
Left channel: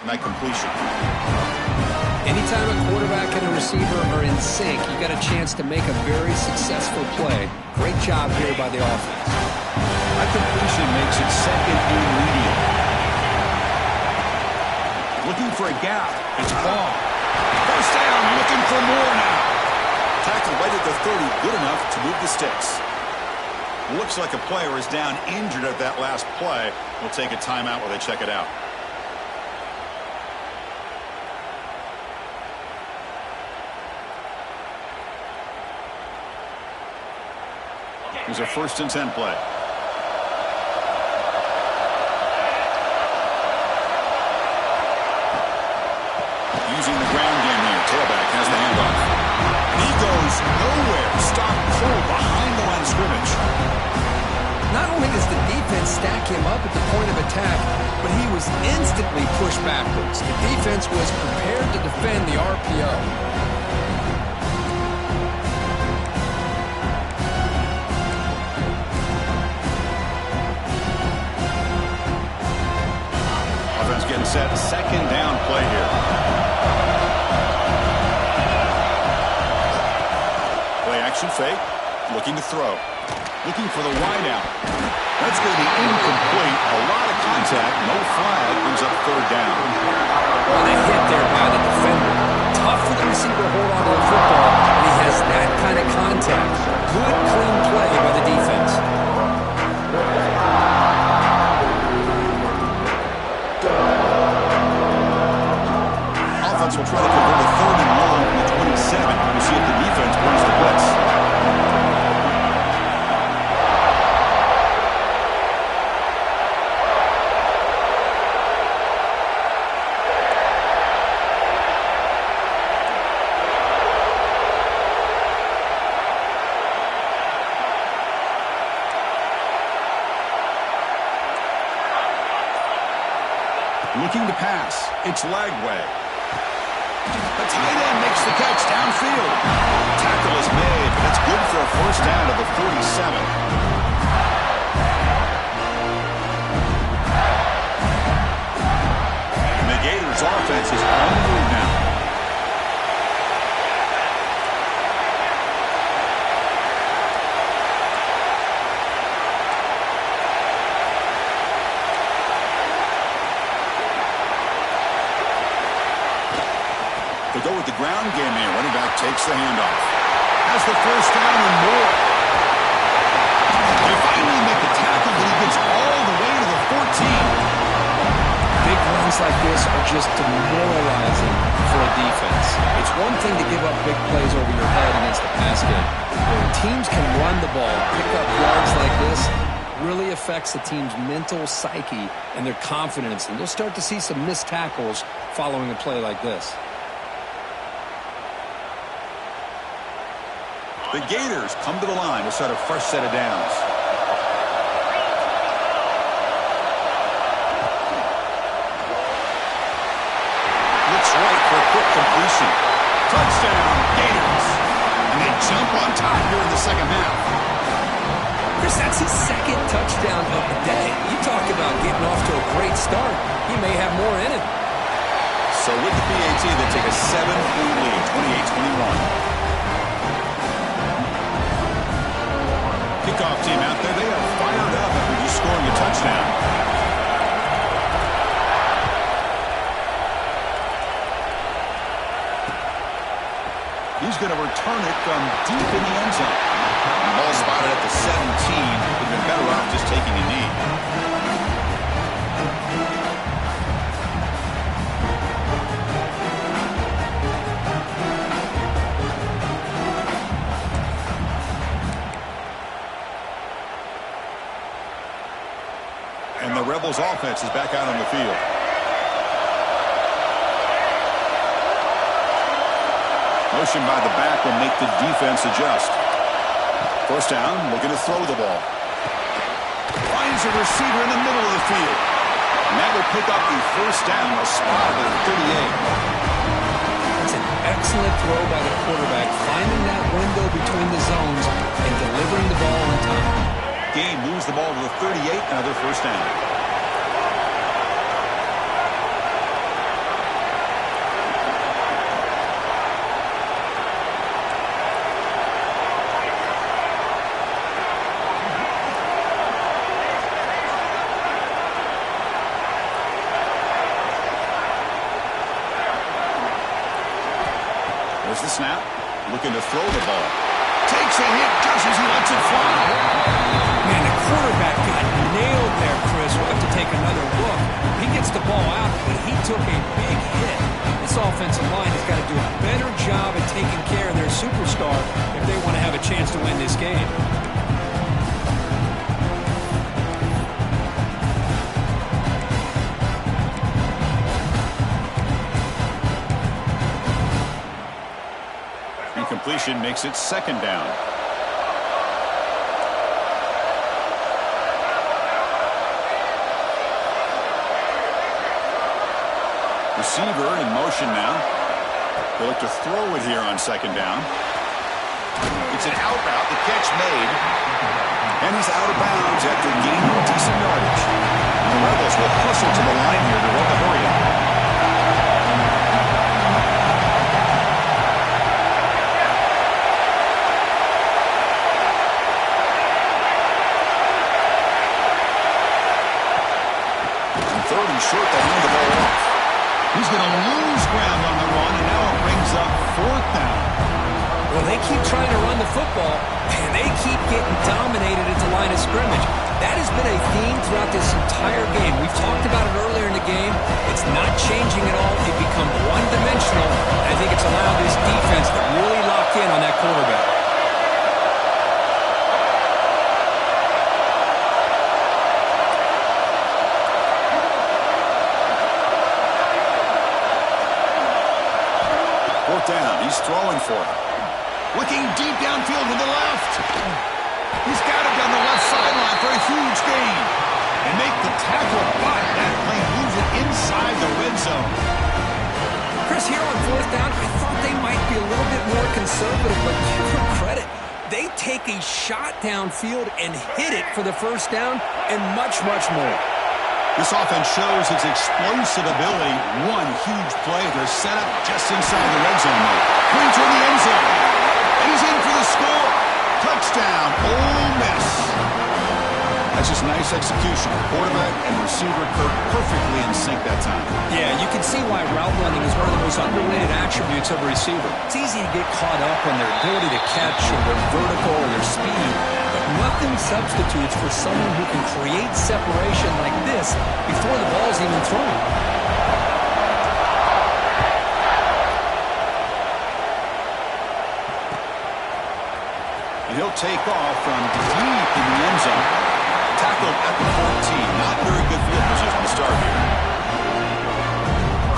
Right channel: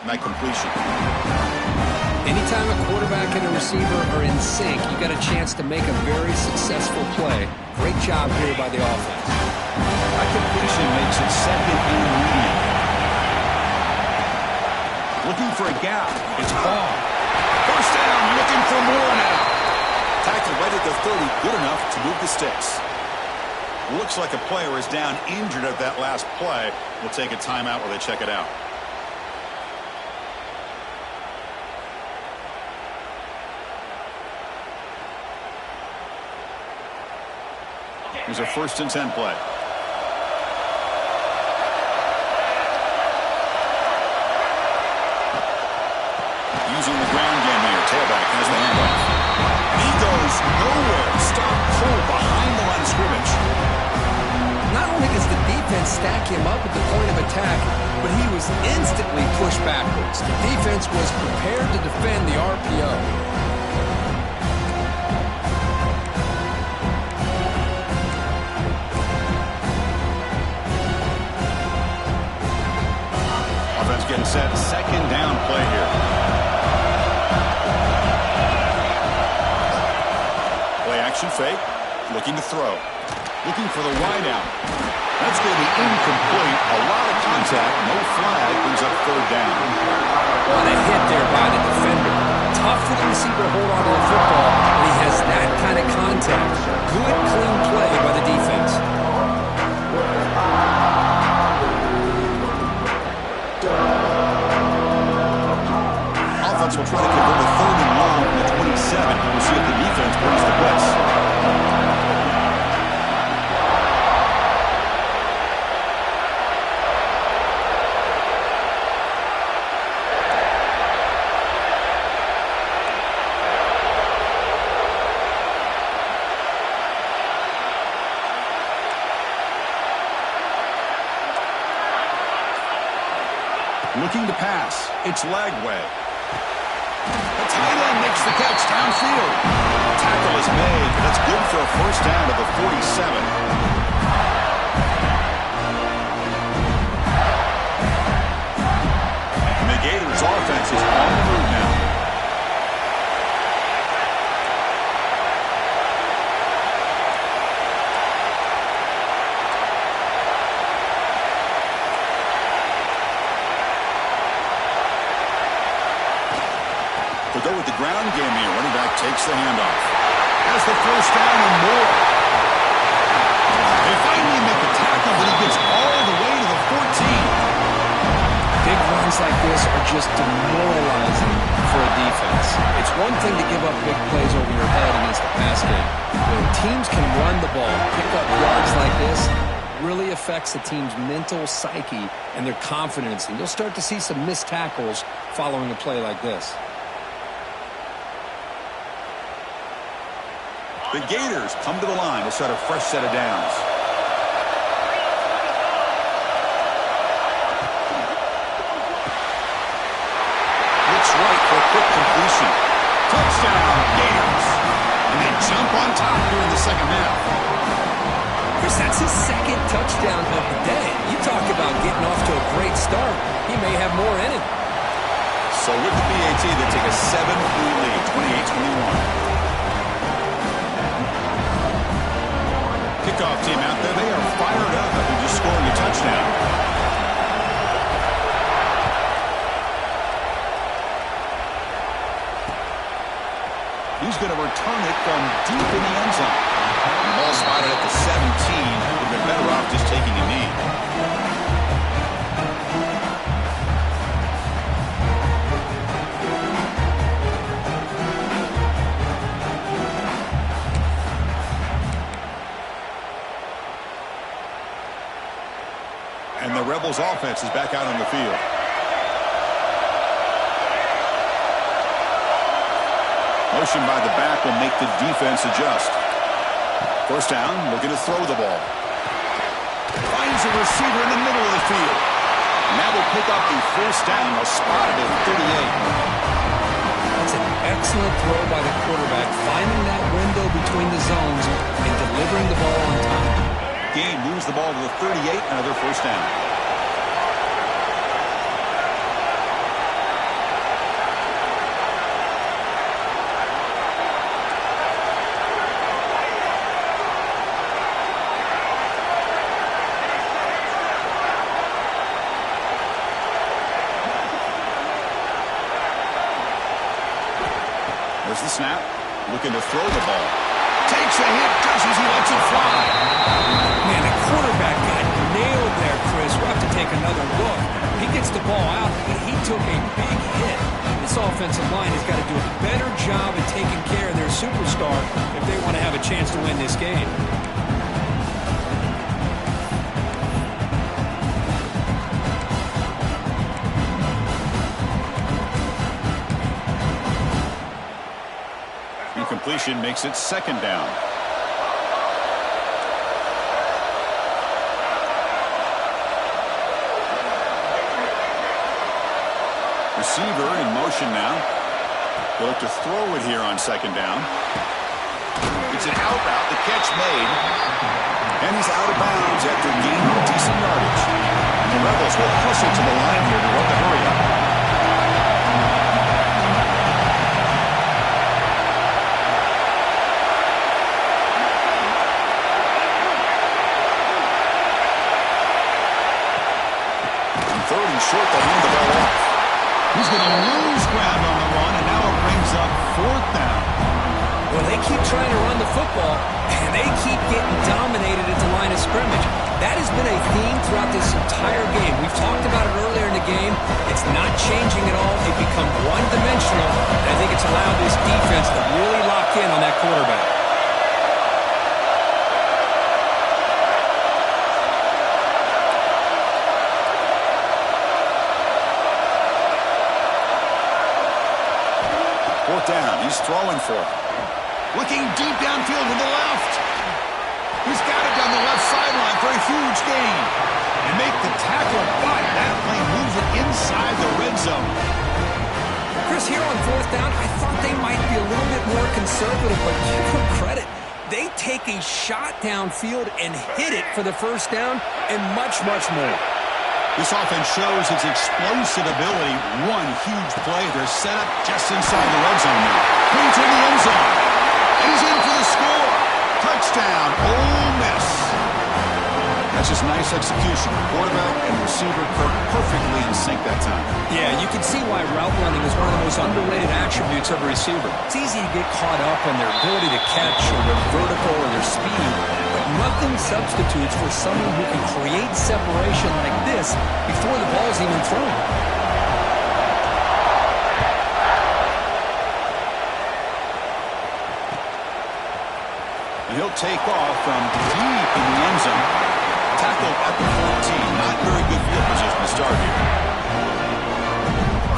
And that completion. Anytime a quarterback and a receiver are in sync, you got a chance to make a very successful play. Great job here by the offense. That completion makes it second and medium. Looking for a gap. It's Hall. First down, looking for more now. Tackle right at the 30, good enough to move the sticks. Looks like a player is down injured at that last play. We'll take a timeout while they check it out. Here's a 1st and 10 play. Using the ground game here. Tailback has the handoff. And he goes nowhere. Stop cold behind the line of scrimmage. Not only does the defense stack him up at the point of attack, but he was instantly pushed backwards. The defense was prepared to defend the RPO. Offense getting set. 2nd down play here. Play action fake. Looking to throw. Looking for the wide out. That's going to be incomplete. A lot of contact. No flag. Brings up 3rd down. What a hit there by the defender. Tough for the receiver to hold on to the football, and he has that kind of contact. Good, clean play by the defense. Offense will try to convert a 3rd and long from the 27. We'll see if the defense brings the blitz. Looking to pass. It's Lagway. The tight end makes the catch downfield. Tackle is made, but that's good for a 1st down to the 47. And the Gators offense is on the move now. To go with the ground game here. Running back takes the handoff. Has the 1st down and more. They finally make the tackle, but he gets all the way to the 14. Big runs like this are just demoralizing for a defense. It's one thing to give up big plays over your head against the pass game. When teams can run the ball, pick up yards like this, really affects the team's mental psyche and their confidence. And you'll start to see some missed tackles following a play like this. The Gators come to the line to start a fresh set of downs. Looks right for a quick completion. Touchdown, Gators. And they jump on top here in the 2nd half. Chris, that's his 2nd touchdown of the day. You talk about getting off to a great start. He may have more in him. So with the PAT, they take a 7-point lead, 28-21. Kickoff team out there. They are fired up after just scoring a touchdown. He's going to return it from deep in the end zone. The ball spotted at the 17. Would have been better off just taking a knee. And the Rebels offense is back out on the field. Motion by the back will make the defense adjust. 1st down, looking to throw the ball. Finds a receiver in the middle of the field. And that will pick up the 1st down. A spot at the 38. That's an excellent throw by the quarterback, finding that window between the zones and delivering the ball on time. Game moves the ball to the 38, another 1st down. There's the snap. Looking to throw the ball. Takes a hit just as he lets it fly. Man, the quarterback got nailed there, Chris. We'll have to take another look. He gets the ball out, but he took a big hit. This offensive line has got to do a better job at taking care of their superstar if they want to have a chance to win this game. Incompletion makes it second down. Receiver in motion now. They look to throw it here on second down. It's an out route. The catch made. And he's out of bounds after gaining decent yardage. The Rebels will hustle to the line here to run the hurry up. Third and short, they hand the ball off. He's going to lose ground on the run, and now it brings up fourth down. Well, they keep trying to run the football, and they keep getting dominated at the line of scrimmage. That has been a theme throughout this entire game. We've talked about it earlier in the game. It's not changing at all. It become one-dimensional. I think it's allowed this defense to really lock in on that quarterback. Fourth down. He's throwing for it. Looking deep downfield to the left. He's got it down the left sideline for a huge gain. And make the tackle, but that play moves it inside the red zone. Chris, here on fourth down, I thought they might be a little bit more conservative, but give them credit. They take a shot downfield and hit it for the first down and much, much more. This offense shows its explosive ability. One huge play. They're set up just inside the red zone now. Going toward the end zone. And he's in for the score. Touchdown, Ole Miss. That's just nice execution. Quarterback and receiver perfectly in sync that time. Yeah, you can see why route running is one of the most underrated attributes of a receiver. It's easy to get caught up on their ability to catch or their vertical or their speed, but nothing substitutes for someone who can create separation like this before the ball's even thrown. And he'll take off from deep in the end zone. Tackled at the 14. Not very good field position to start here.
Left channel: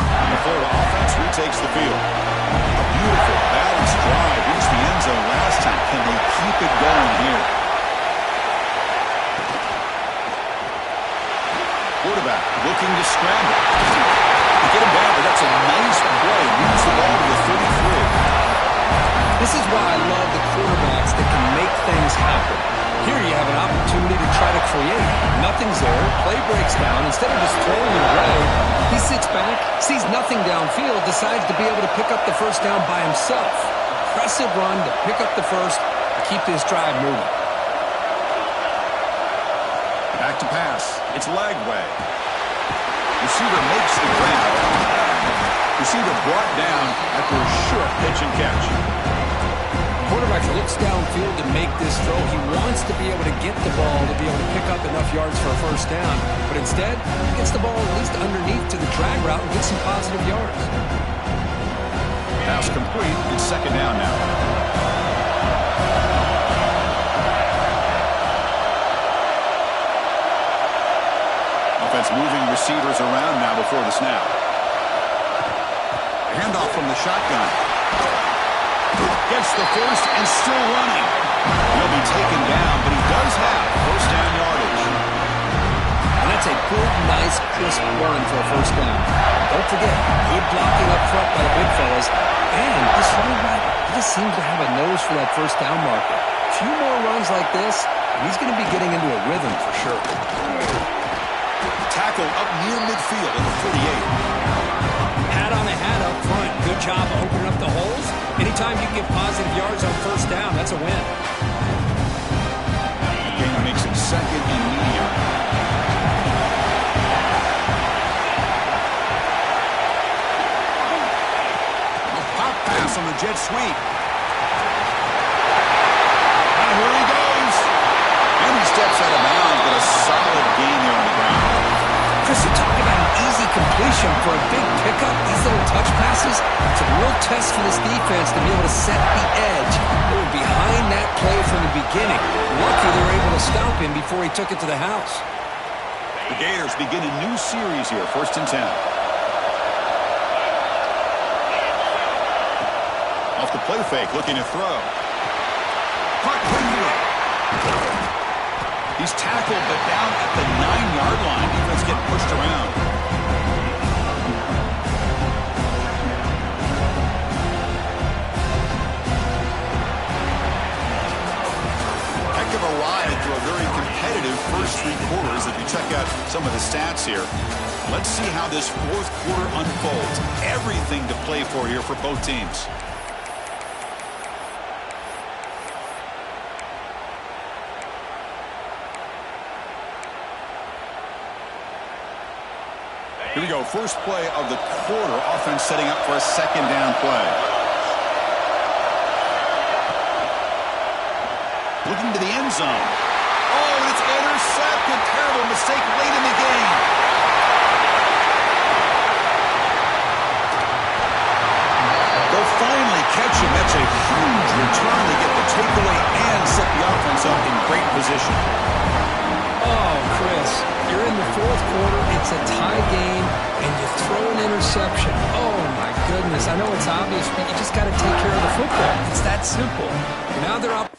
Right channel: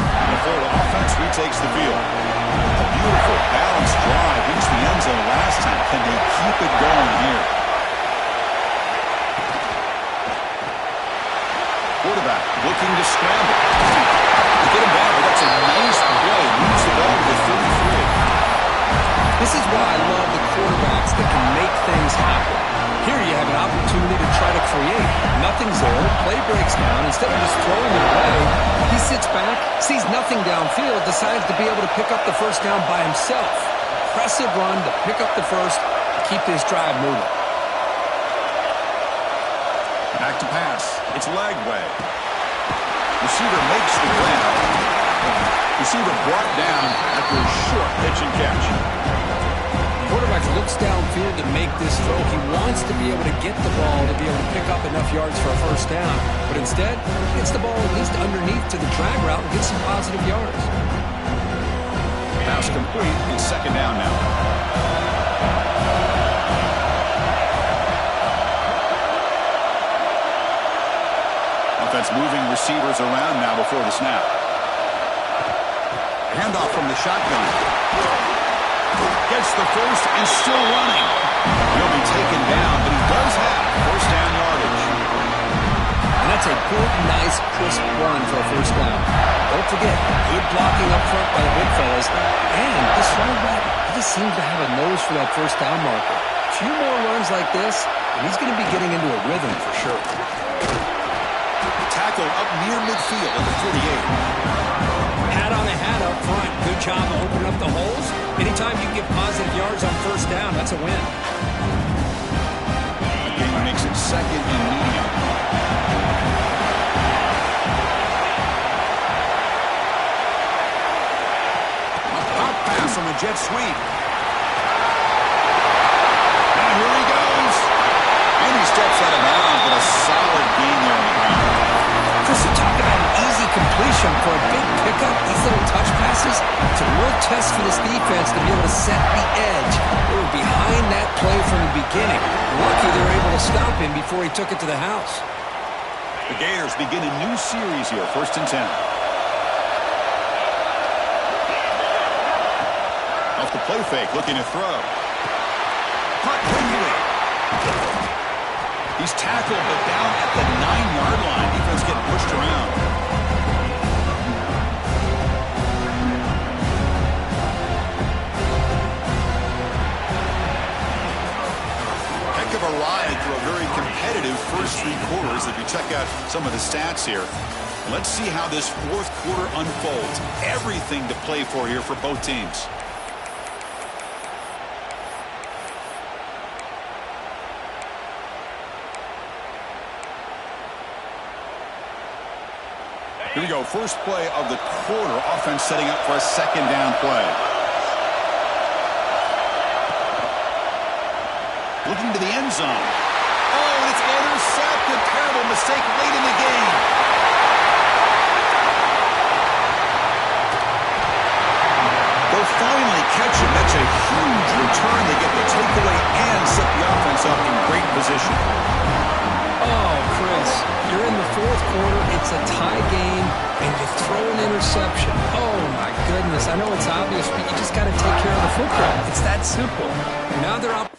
And the Florida offense retakes the field. A beautiful, balanced drive. Reached the end zone last time. Can they keep it going here? Quarterback looking to scramble. To get him down, but that's a nice play. Moves the ball to the 33. This is why I love the quarterbacks that can make things happen. Here you have an opportunity to try to create. Nothing's there. Play breaks down. Instead of just throwing it away, he sits back, sees nothing downfield, decides to be able to pick up the first down by himself. Impressive run to pick up the first to keep this drive moving. Back to pass. It's Lagway. Receiver makes the grab. Receiver brought down after a short pitch and catch. Quarterback looks downfield to make this throw. He wants to be able to get the ball to be able to pick up enough yards for a first down. But instead, he gets the ball at least underneath to the drag route and gets some positive yards. Pass complete. It's second down now. Offense moving receivers around now before the snap. Handoff from the shotgun. Gets the first and still running. He'll be taken down, but he does have first down yardage. And that's a good, nice, crisp run for a first down. Don't forget, good blocking up front by the big fellas. And this running back, he just seems to have a nose for that first down marker. A few more runs like this, and he's going to be getting into a rhythm for sure. Tackled up near midfield at the 48. Hat on a hat up front. Good job of opening up the holes. Anytime you can get positive yards on first down, that's a win. The game makes it second and medium. A pop pass pass on the jet sweep. Now here he goes. And he steps out of bounds, but a solid gain there on the ground. Chris, you talk about an easy completion for a big pickup. These little touch passes, it's a real test for this defense to be able to set the edge. They were behind that play from the beginning. Lucky they were able to stop him before he took it to the house. The Gators begin a new series here, 1st and 10. Off the play fake, looking to throw. Caught quickly. He's tackled, but down at the 9-yard line. Defense getting pushed around. Heck of a ride through a very competitive first 3 quarters. If you check out some of the stats here, let's see how this 4th quarter unfolds. Everything to play for here for both teams. Here we go. First play of the quarter. Offense setting up for a 2nd down play. Looking to the end zone. Oh, and it's intercepted. Terrible mistake late in the game. They'll finally catch him. That's a huge return. They get the takeaway and set the offense up in great position. Oh, Chris, you're in the 4th quarter. It's a tie game, and you throw an interception. Oh, my goodness. I know it's obvious, but you just got to take care of the football. It's that simple. Now they're up.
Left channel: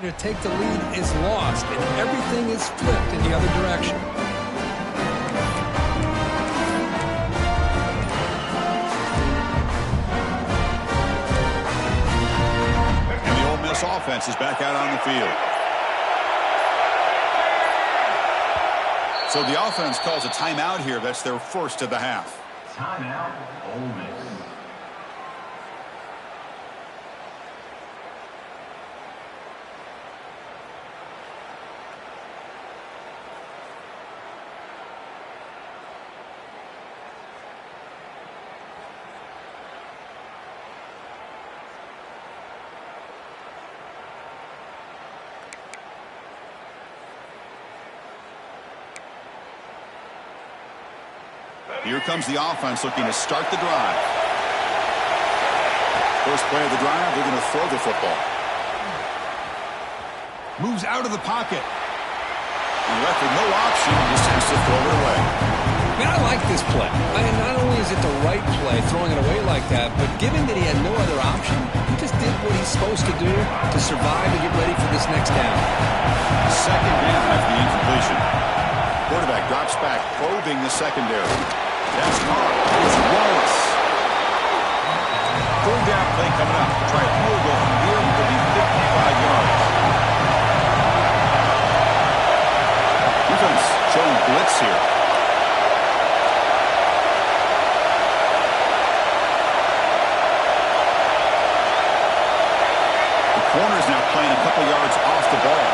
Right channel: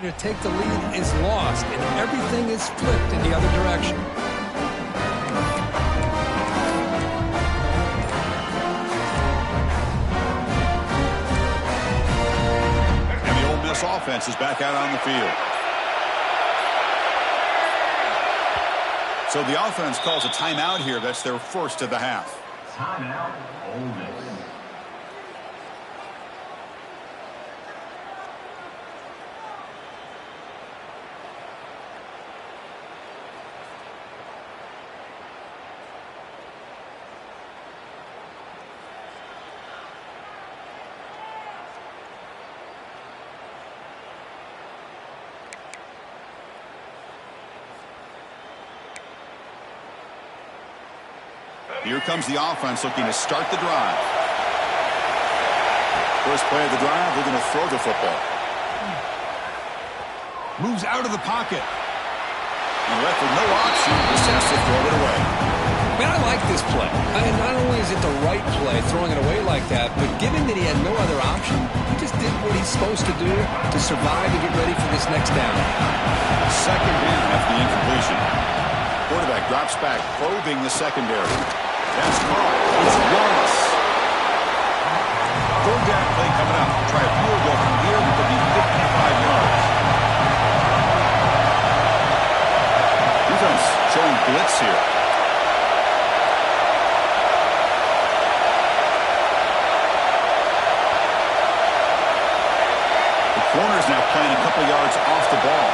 To take the lead is lost, and everything is flipped in the other direction. And the Ole Miss offense is back out on the field. So the offense calls a timeout here. That's their first of the half. Timeout, Ole Miss. Here comes the offense looking to start the drive. First play of the drive, they're going to throw the football. Moves out of the pocket. And left with no option, just has to throw it away. Man, I like this play. And not only is it the right play, throwing it away like that, but given that he had no other option, he just did what he's supposed to do to survive and get ready for this next down. 2nd down after the incompletion. Quarterback drops back, probing the secondary. That's caught. It's Wallace. 3rd down play coming up. Try a field goal from here. It could be 55 yards. Defense showing blitz here. The corner's now playing a couple yards off the ball.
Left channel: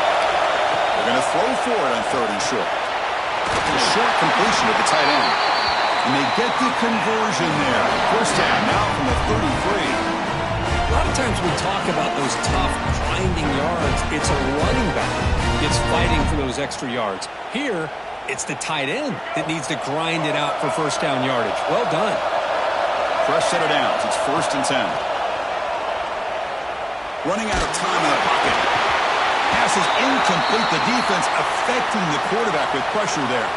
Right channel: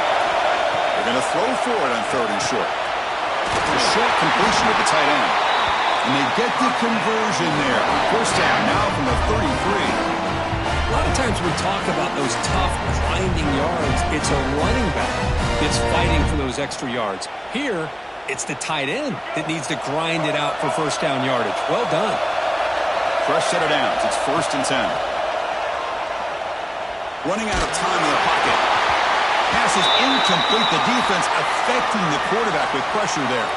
They're going to throw for it on 3rd and short. A short completion of the tight end. And they get the conversion there. First down now from the 33. A lot of times Sometimes we talk about those tough, grinding yards. It's a running back that's fighting for those extra yards. Here, it's the tight end that needs to grind it out for first down yardage. Well done. Fresh set of downs. It's 1st and 10. Running out of time in the pocket. Pass is incomplete. The defense affecting the quarterback with pressure there.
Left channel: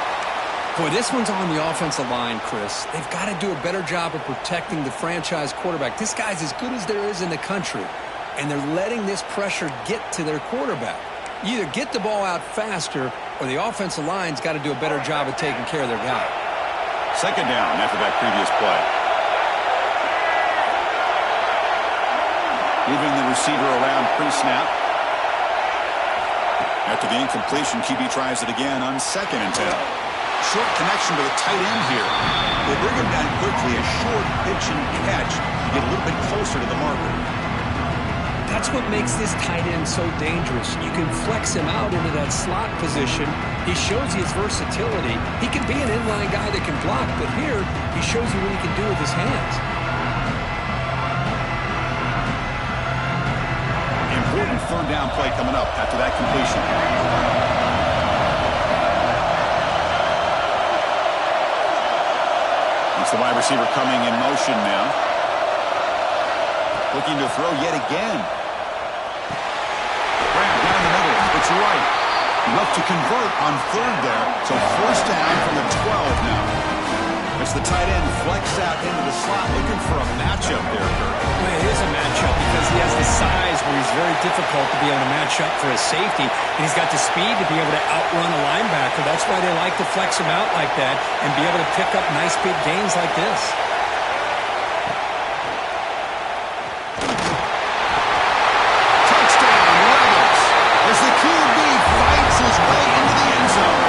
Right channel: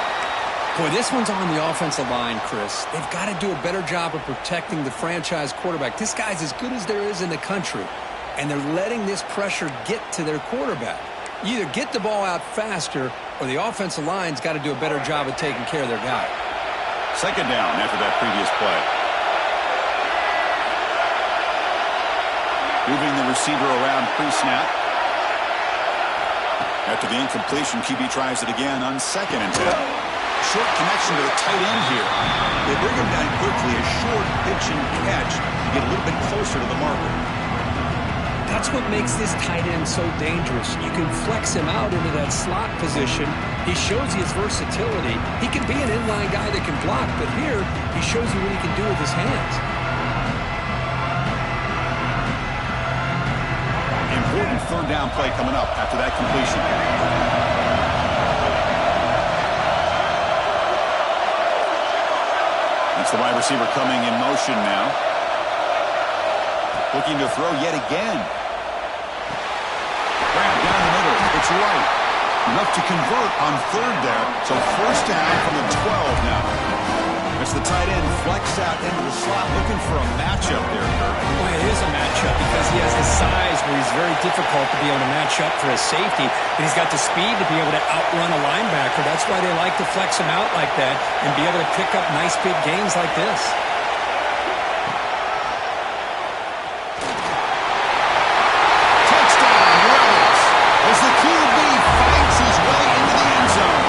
Boy, this one's on the offensive line, Chris. They've got to do a better job of protecting the franchise quarterback. This guy's as good as there is in the country, and they're letting this pressure get to their quarterback. You either get the ball out faster, or the offensive line's got to do a better job of taking care of their guy. 2nd down after that previous play. Moving the receiver around pre-snap. After the incompletion, QB tries it again on 2nd and 10. Short connection to the tight end here. They bring him down quickly, a short pitch and catch to get a little bit closer to the marker. That's what makes this tight end so dangerous. You can flex him out into that slot position. He shows you his versatility. He can be an inline guy that can block, but here he shows you what he can do with his hands. Important 3rd down play coming up after that completion. It's the wide receiver coming in motion now. Looking to throw yet again. Grab down the middle. It's right. Enough to convert on 3rd there. So 1st down from the 12 now. It's the tight end flexed out into the slot, looking for a matchup there, Kirk. Well, it is a matchup because he has the size where he's very difficult to be able to match up for his safety, and he's got the speed to be able to outrun a linebacker. That's why they like to flex him out like that and be able to pick up nice big gains like this. Touchdown, Rebels, as the QB fights his way into the end zone.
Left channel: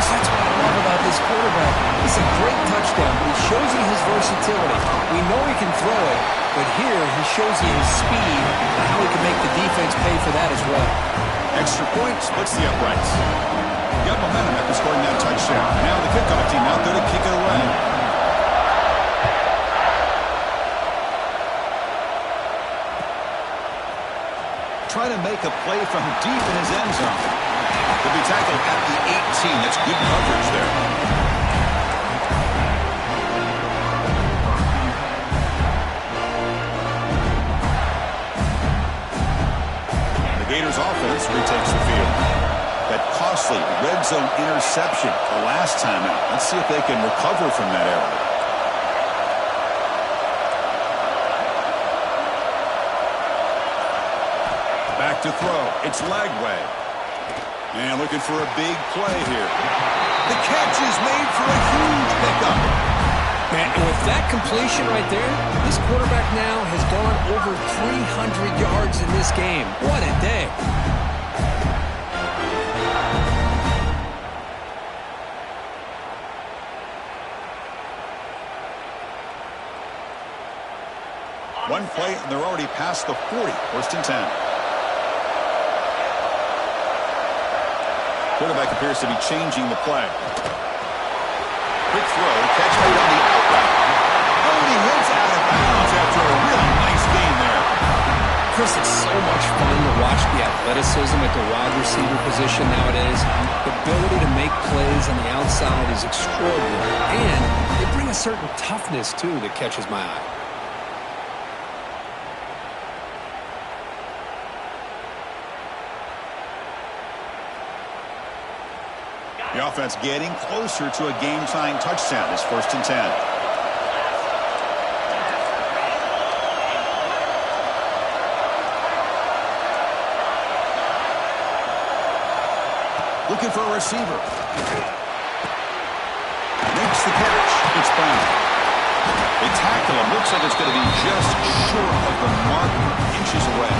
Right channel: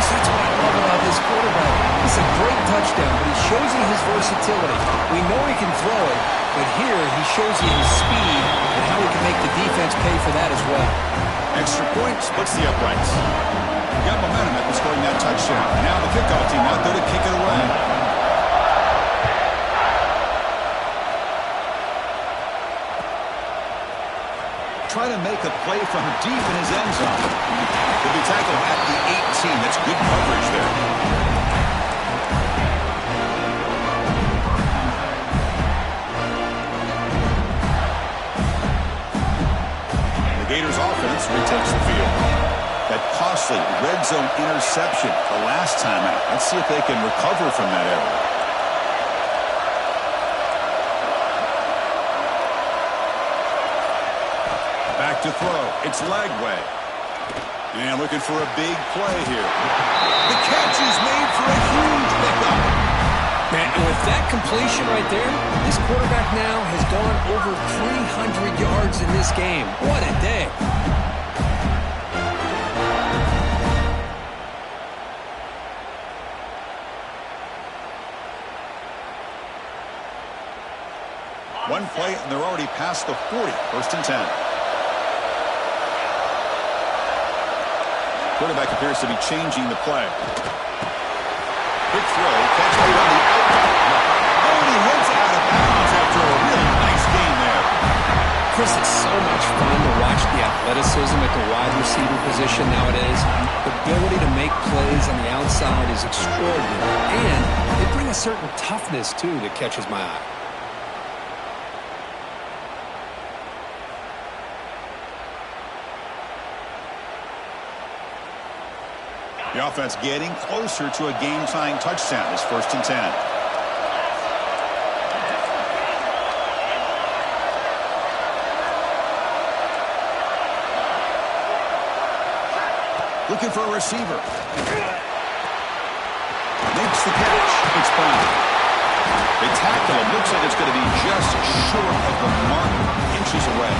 That's what I love about this quarterback. It's a great touchdown, but he shows you his versatility. We know he can throw it, but here he shows you his speed and how he can make the defense pay for that as well. Extra point splits the uprights. Got momentum after scoring that touchdown. Now the kickoff team out there to kick it away. Try to make a play from deep in his end zone. He'll be tackled at the 18. That's good coverage there. The Gators offense retakes the field. That costly red zone interception the last time out. Let's see if they can recover from that error. Back to throw. It's Lagway. And looking for a big play here. The catch is made for a huge pickup. Man, and with that completion right there, this quarterback now has gone over 300 yards in this game. What a day. One play, and they're already past the 40. 1st and 10. Quarterback appears to be changing the play. Quick throw, catch made on the out route. Oh, and he hits out of bounds after a really nice game there. Chris, it's so much fun to watch the athleticism at the wide receiver position nowadays. The ability to make plays on the outside is extraordinary. And they bring a certain toughness, too, that catches my eye. The offense getting closer to a game-tying touchdown. It's 1st and 10. Looking for a receiver. Makes the catch. It's Brown. They tackle him. Looks like it's going to be just short of the marker, inches away.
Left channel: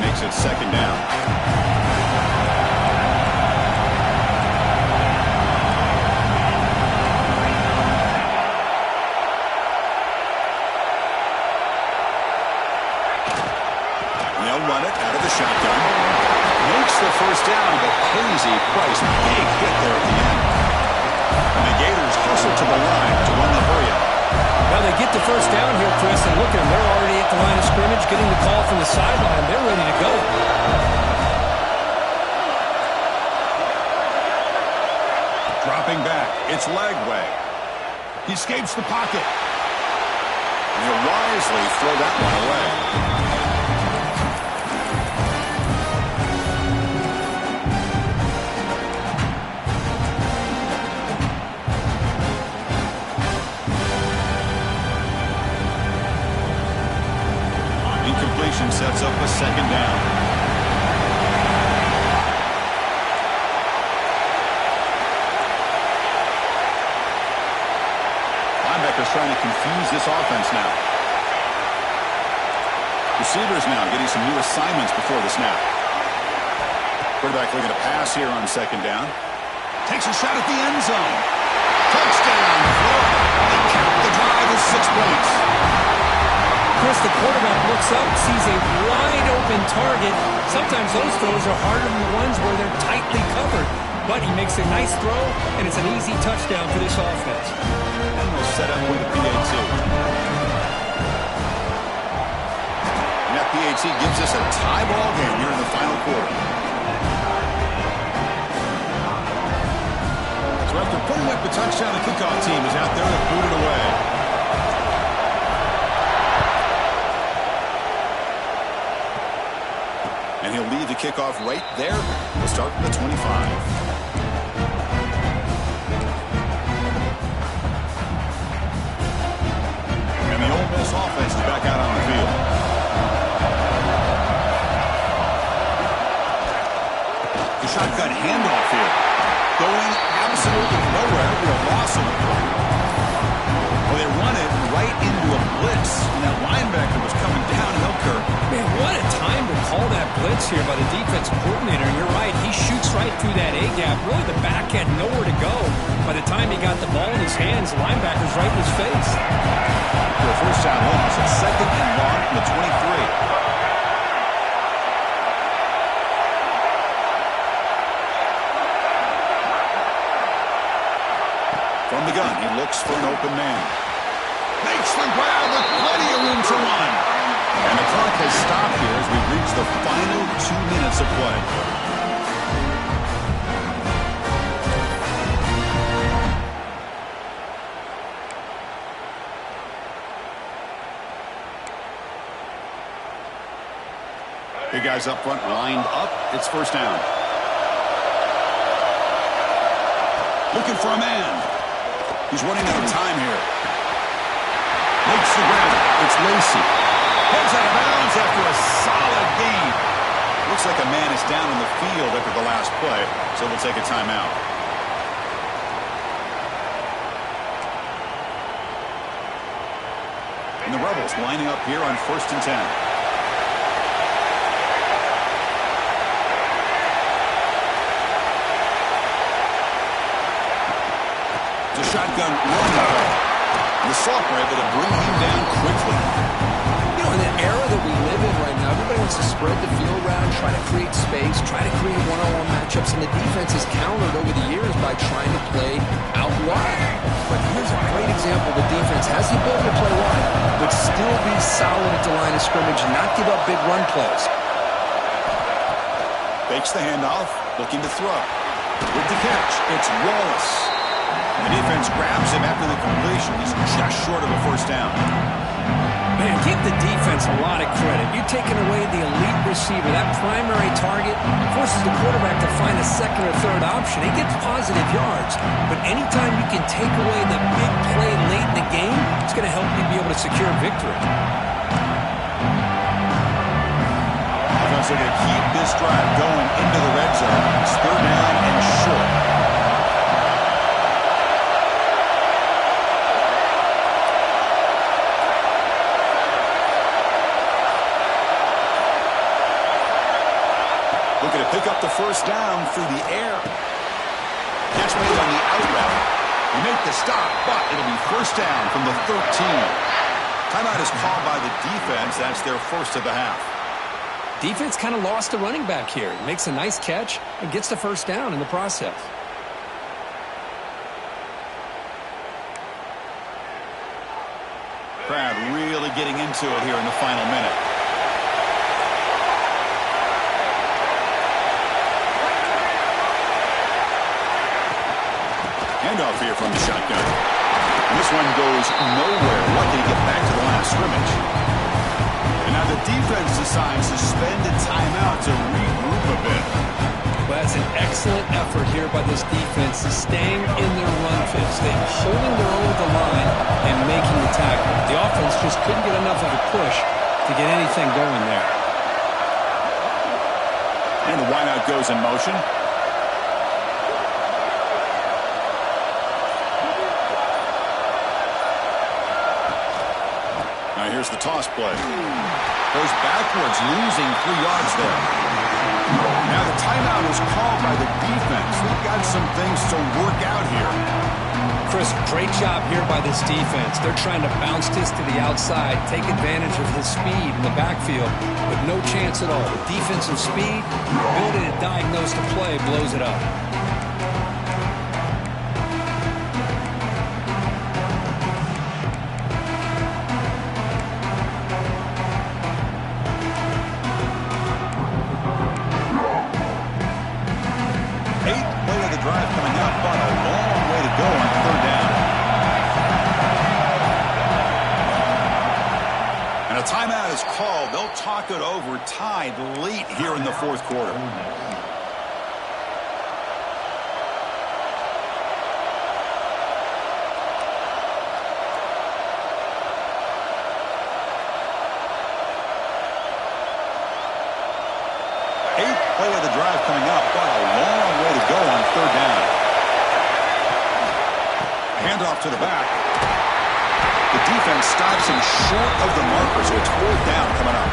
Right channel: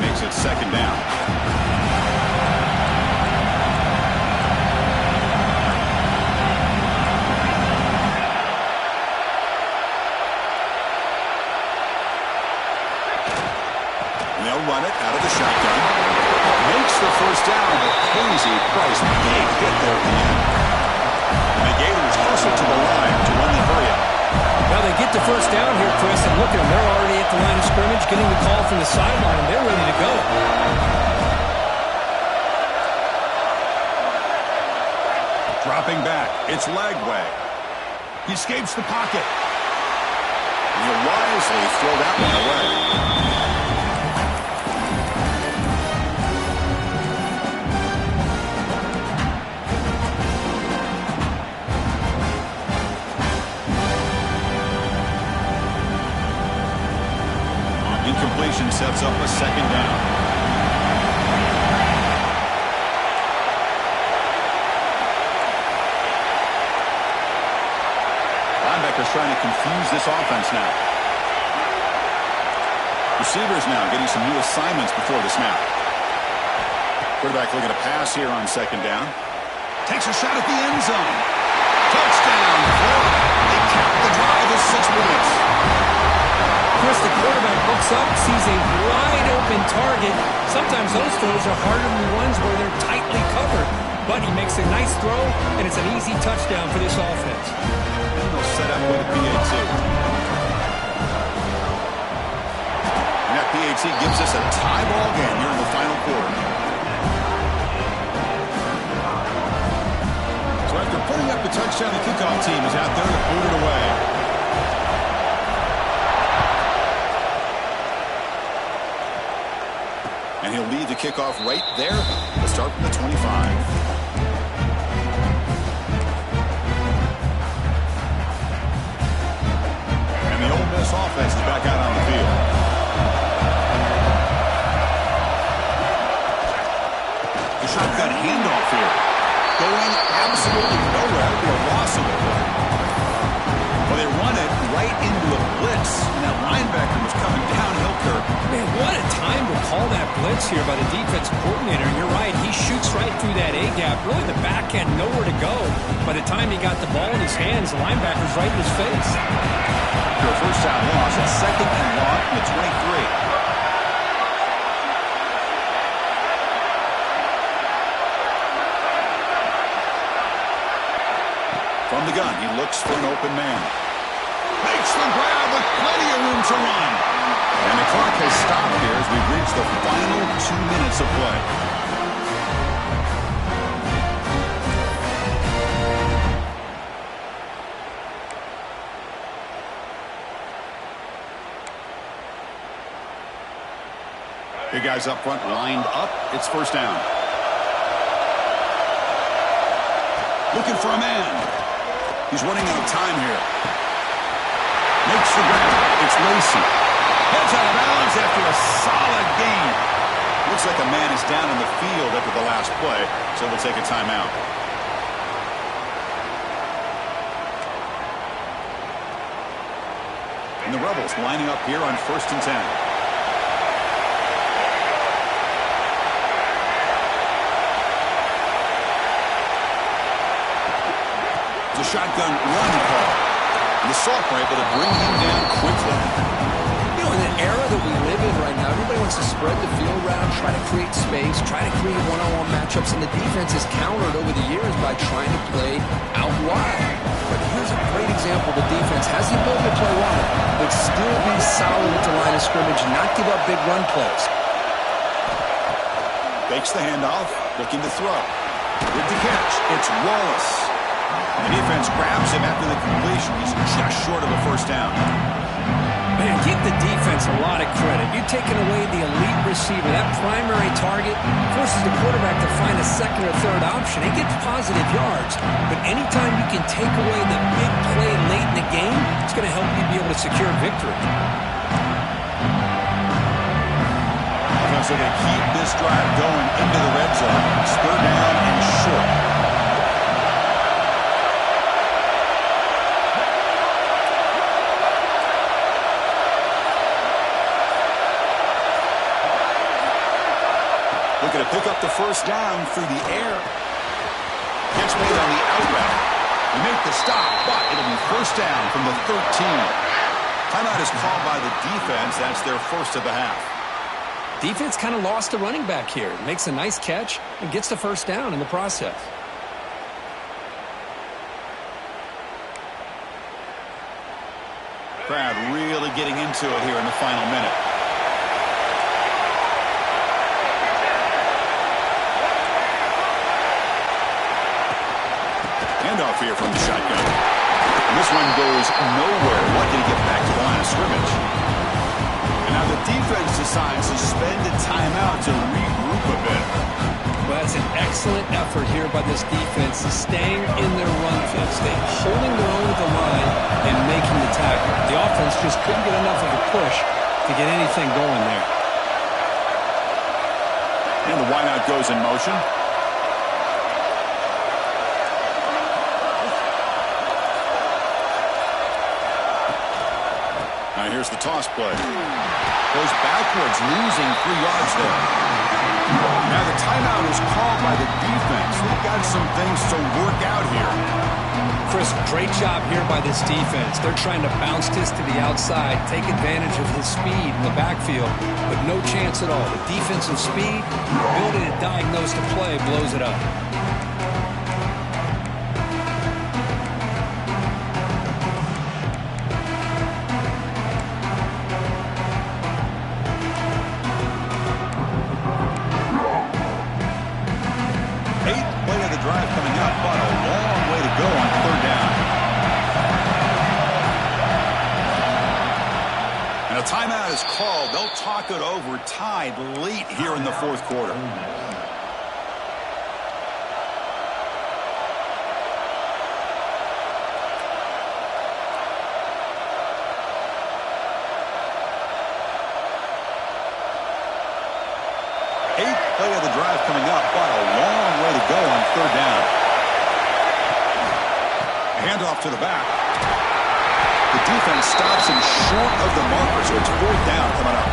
Makes it 2nd down. they'll run it out of the shotgun. Makes the first down, but pays a price. Big hit there at the end. And the Gators hustle to the line to run the hurry-up. Well, they get the first down here, Chris, and look at them. They're already at the line of scrimmage, getting the call from the sideline. They're ready to go. Dropping back. It's Lagway. He escapes the pocket. And he'll wisely throw that one away. Incompletion sets up a second down. Linebacker's trying to confuse this offense now. Receivers now getting some new assignments before the snap. Quarterback looking to pass here on second down. Takes a shot at the end zone. Touchdown, Florida. They count the drive with 6 points. Chris, the quarterback looks up, sees a wide-open target. Sometimes those throws are harder than the ones where they're tightly covered. But he makes a nice throw, and it's an easy touchdown for this offense. And they'll set up with a PAT. And that PAT gives us a tie ball game here in the final quarter. So after putting up the touchdown, the kickoff team is out there to boot it away. And he'll lead the kickoff right there. We'll start from the 25. And the Ole Miss offense is back out on the field. The shotgun handoff here. Going absolutely nowhere. That'll be a loss of the play. Well, they run it right into a blitz, and that linebacker was coming downhill, Kirk. Man, what a time to call that blitz here by the defensive coordinator. And you're right, he shoots right through that A-gap. Really, the back had nowhere to go. By the time he got the ball in his hands, the linebacker's right in his face. After a first down loss, it's second and long from the 23. From the gun, he looks for an open man. Makes the grab with plenty of room to run. And the clock has stopped here as we've reached the final 2 minutes of play. Big guys up front lined up. It's first down. Looking for a man. He's running out of time here. Makes the grab. It's Lacey. Heads out of bounds after a solid gain. Looks like a man is down in the field after the last play, so we'll take a timeout. And the Rebels lining up here on 1st and 10. It's a shotgun run call. And the Soft were able to bring him down quickly. You know, in the era that we live in right now, everybody wants to spread the field around, try to create space, try to create one-on-one matchups, and the defense has countered over the years by trying to play out wide. But here's a great example. The defense has the ability to play wide, but still be solid at the line of scrimmage and not give up big run plays. Fakes the handoff, looking to throw. With the catch, it's Wallace. And the defense grabs him after the completion. He's just short of a first down. Man, give the defense a lot of credit. You're taking away the elite receiver. That primary target forces the quarterback to find a second or third option. He gets positive yards. But anytime you can take away the big play late in the game, it's going to help you be able to secure victory. Offense are going to keep this drive going into the red zone. It's third down and short. Looking to pick up the first down through the air. Catch made on the out route. We make the stop, but it'll be first down from the 13. Timeout is called by the defense. That's their first of the half. Defense kind of lost the running back here. Makes a nice catch and gets the first down in the process. Crowd really getting into it here in the final minute. Handoff here from the shotgun. And this one goes nowhere. Lucky to get back to the line of scrimmage. And now the defense decides to spend a timeout to regroup a bit. Well, that's an excellent effort here by this defense, staying in their run fits. They're holding their own at the line and making the tackle. The offense just couldn't get enough of a push to get anything going there. And the wideout goes in motion. Now here's the toss play. Goes backwards, losing 3 yards there. Now the timeout is called by the defense. They've got some things to work out here. Chris, great job here by this defense. They're trying to bounce this to the outside, take advantage of his speed in the backfield, but no chance at all. The defensive speed, ability to diagnose the play, blows it up. Drive coming up, but a long way to go on 3rd down. And a timeout is called. They'll talk it over, tied late here in the 4th quarter. Play of the drive coming up, but a long way to go on 3rd down. Handoff to the back. The defense stops him short of the marker, so it's 4th down coming up.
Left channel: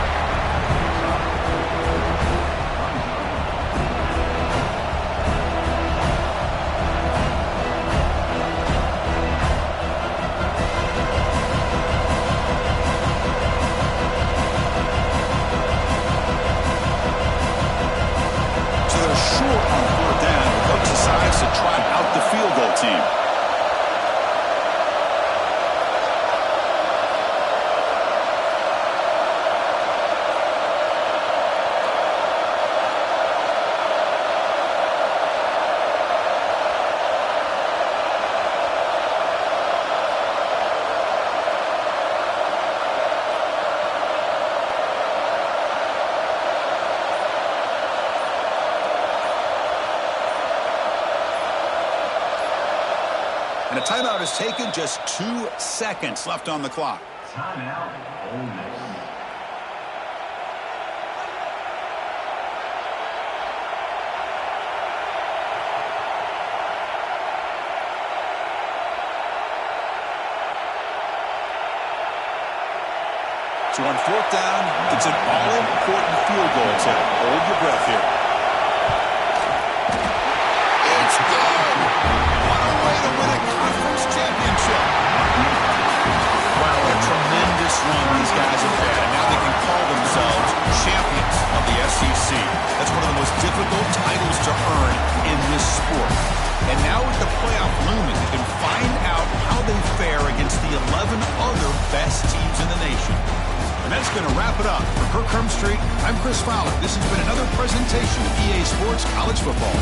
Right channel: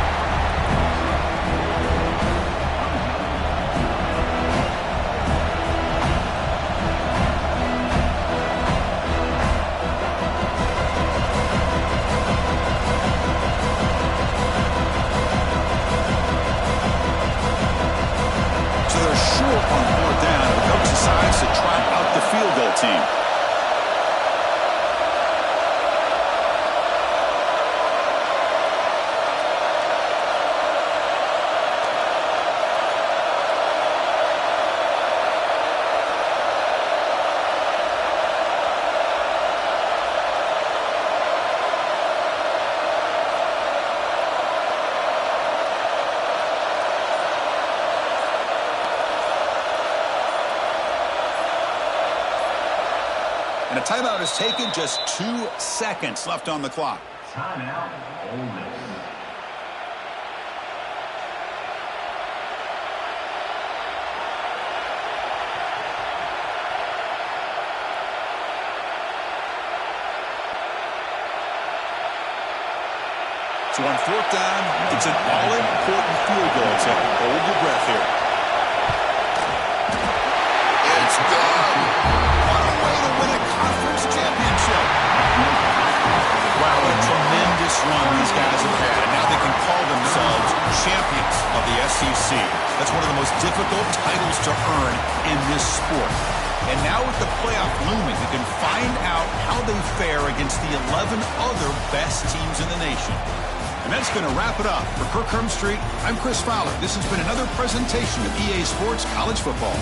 Short on 4th down. The coach decides to trot out the field goal team. And a timeout is taken, just 2 seconds left on the clock. Timeout, Ole Miss. So on 4th down, it's an all-important field goal attempt. Hold your breath here. It's good. What a way to win a conference championship. Wow, what a tremendous run these guys have had. And now they can call themselves champions of the SEC. That's one of the most difficult titles to earn in this sport. And now with the playoff looming, they can find out how they fare against the 11 other best teams in the nation. And that's going to wrap it up. For Kirk Hermstreet, I'm Chris Fowler. This has been another presentation of EA Sports College Football.